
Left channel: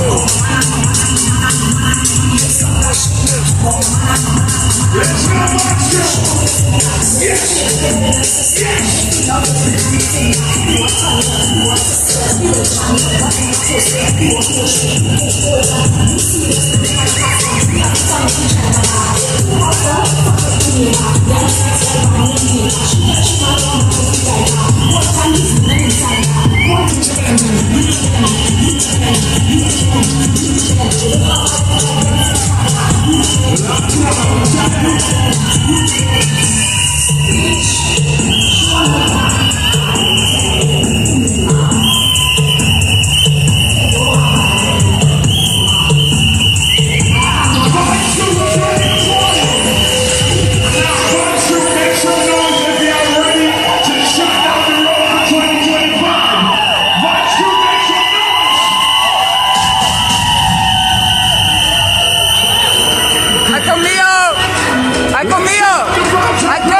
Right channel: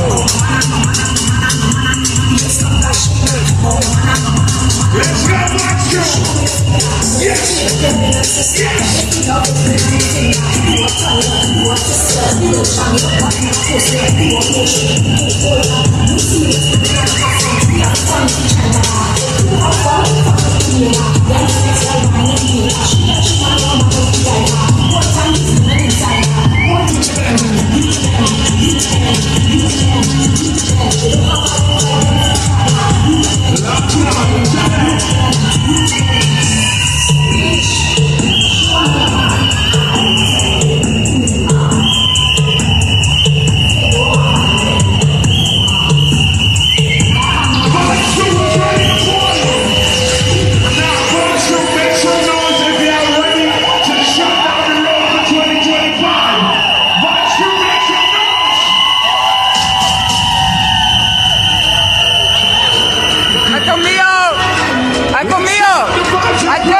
Let's go, let's go. Yes, yes. ¡Ay, conmigo! ¡Ay, conmigo! ¡Ay, yo!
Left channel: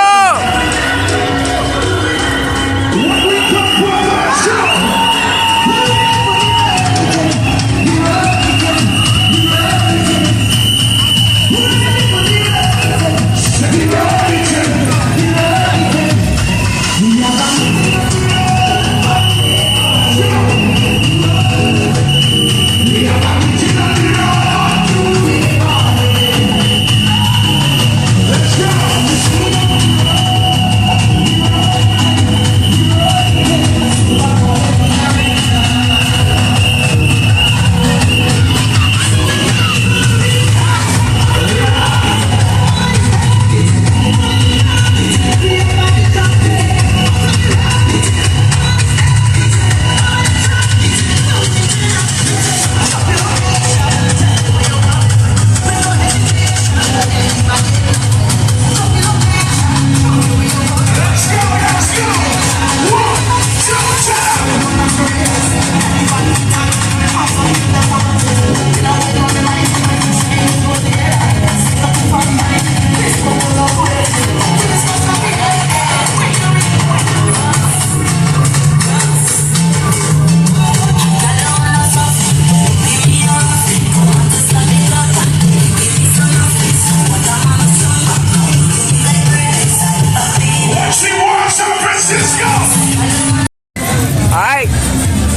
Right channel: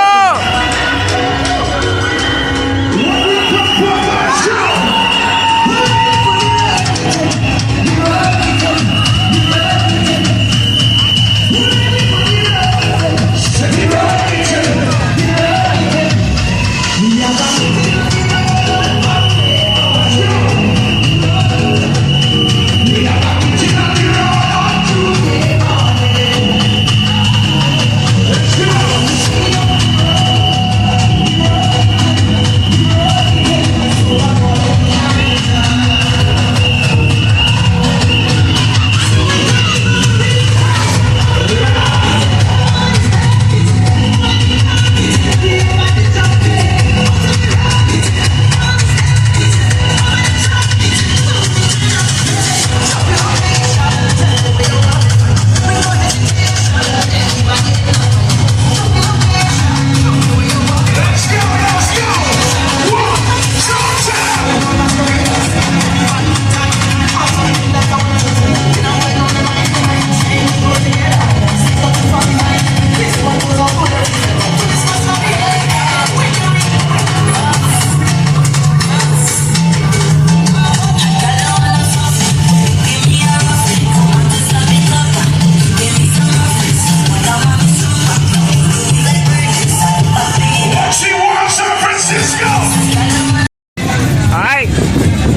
All right,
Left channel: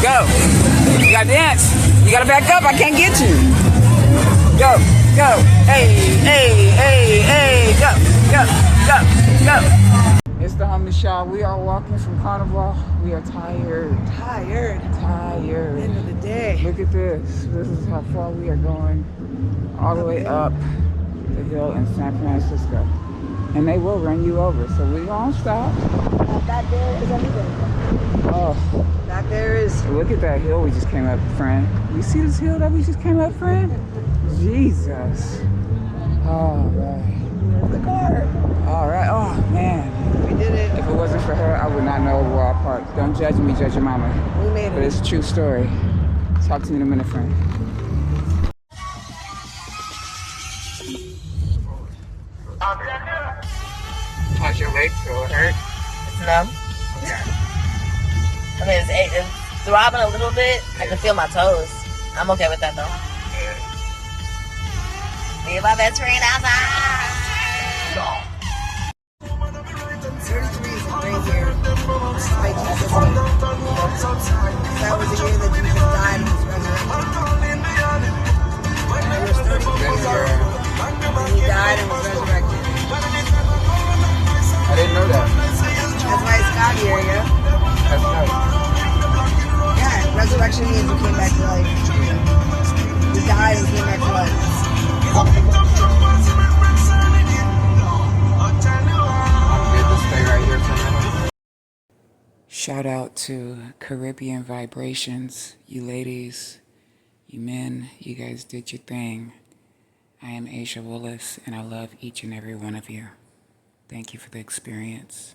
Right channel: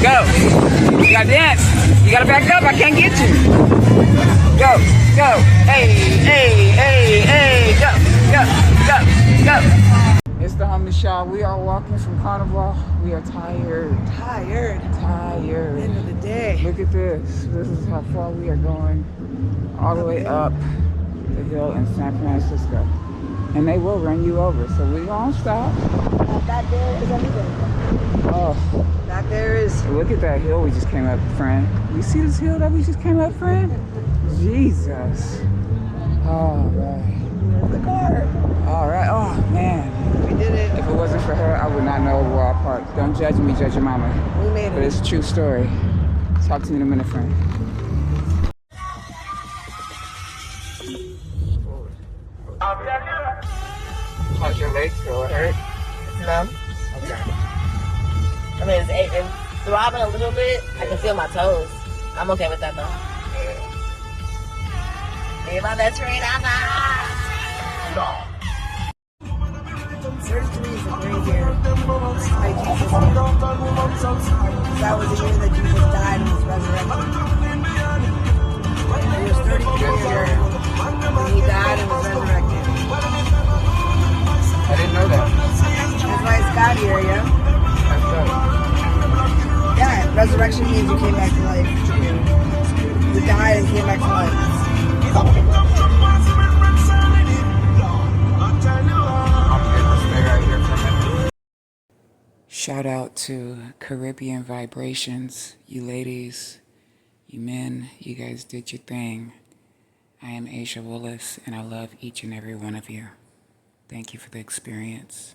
go. You gotta dance. You gotta back up. I can't get you. Go, go. Hey, hey, hey, hey. Go, go, go, go. It's the homie Shaw. We are walking from Carnaval. We are tired. Tired. Tired. End of the day. Look at this. This is how far we are going. All the way up the hill in San Francisco. And they will run you over, so we won't stop. Back there is everything. Oh. Back there is. Look at that hill we just came up, friend. You see this hill that we just came up, friend? Jesus. All right. There's the car. All right. Oh, man. We did it. If it wasn't for her, I would not know where I parked. Don't judge me, judge your mama. We made But it. it's a true story. Talk to me in a minute, friend. How's your leg feel? It hurt? It's numb. Okay. I mean, it's throbbing a little bit. I can feel my toes. I'm okay with that though. Me and my best friend outside. Surgery is a great year. Despite Jesus' name. That was the year that Jesus died and was resurrected. He was 33 years old when he died and was resurrected. I didn't know that. That's why it's God here, yo. That's right. Yeah, resurrection means he came back Shout out to Caribbean Vibrations. You ladies, you men, you guys did your thing. I am Asia Willis, and I love each and every one of you. Thank you for the experience.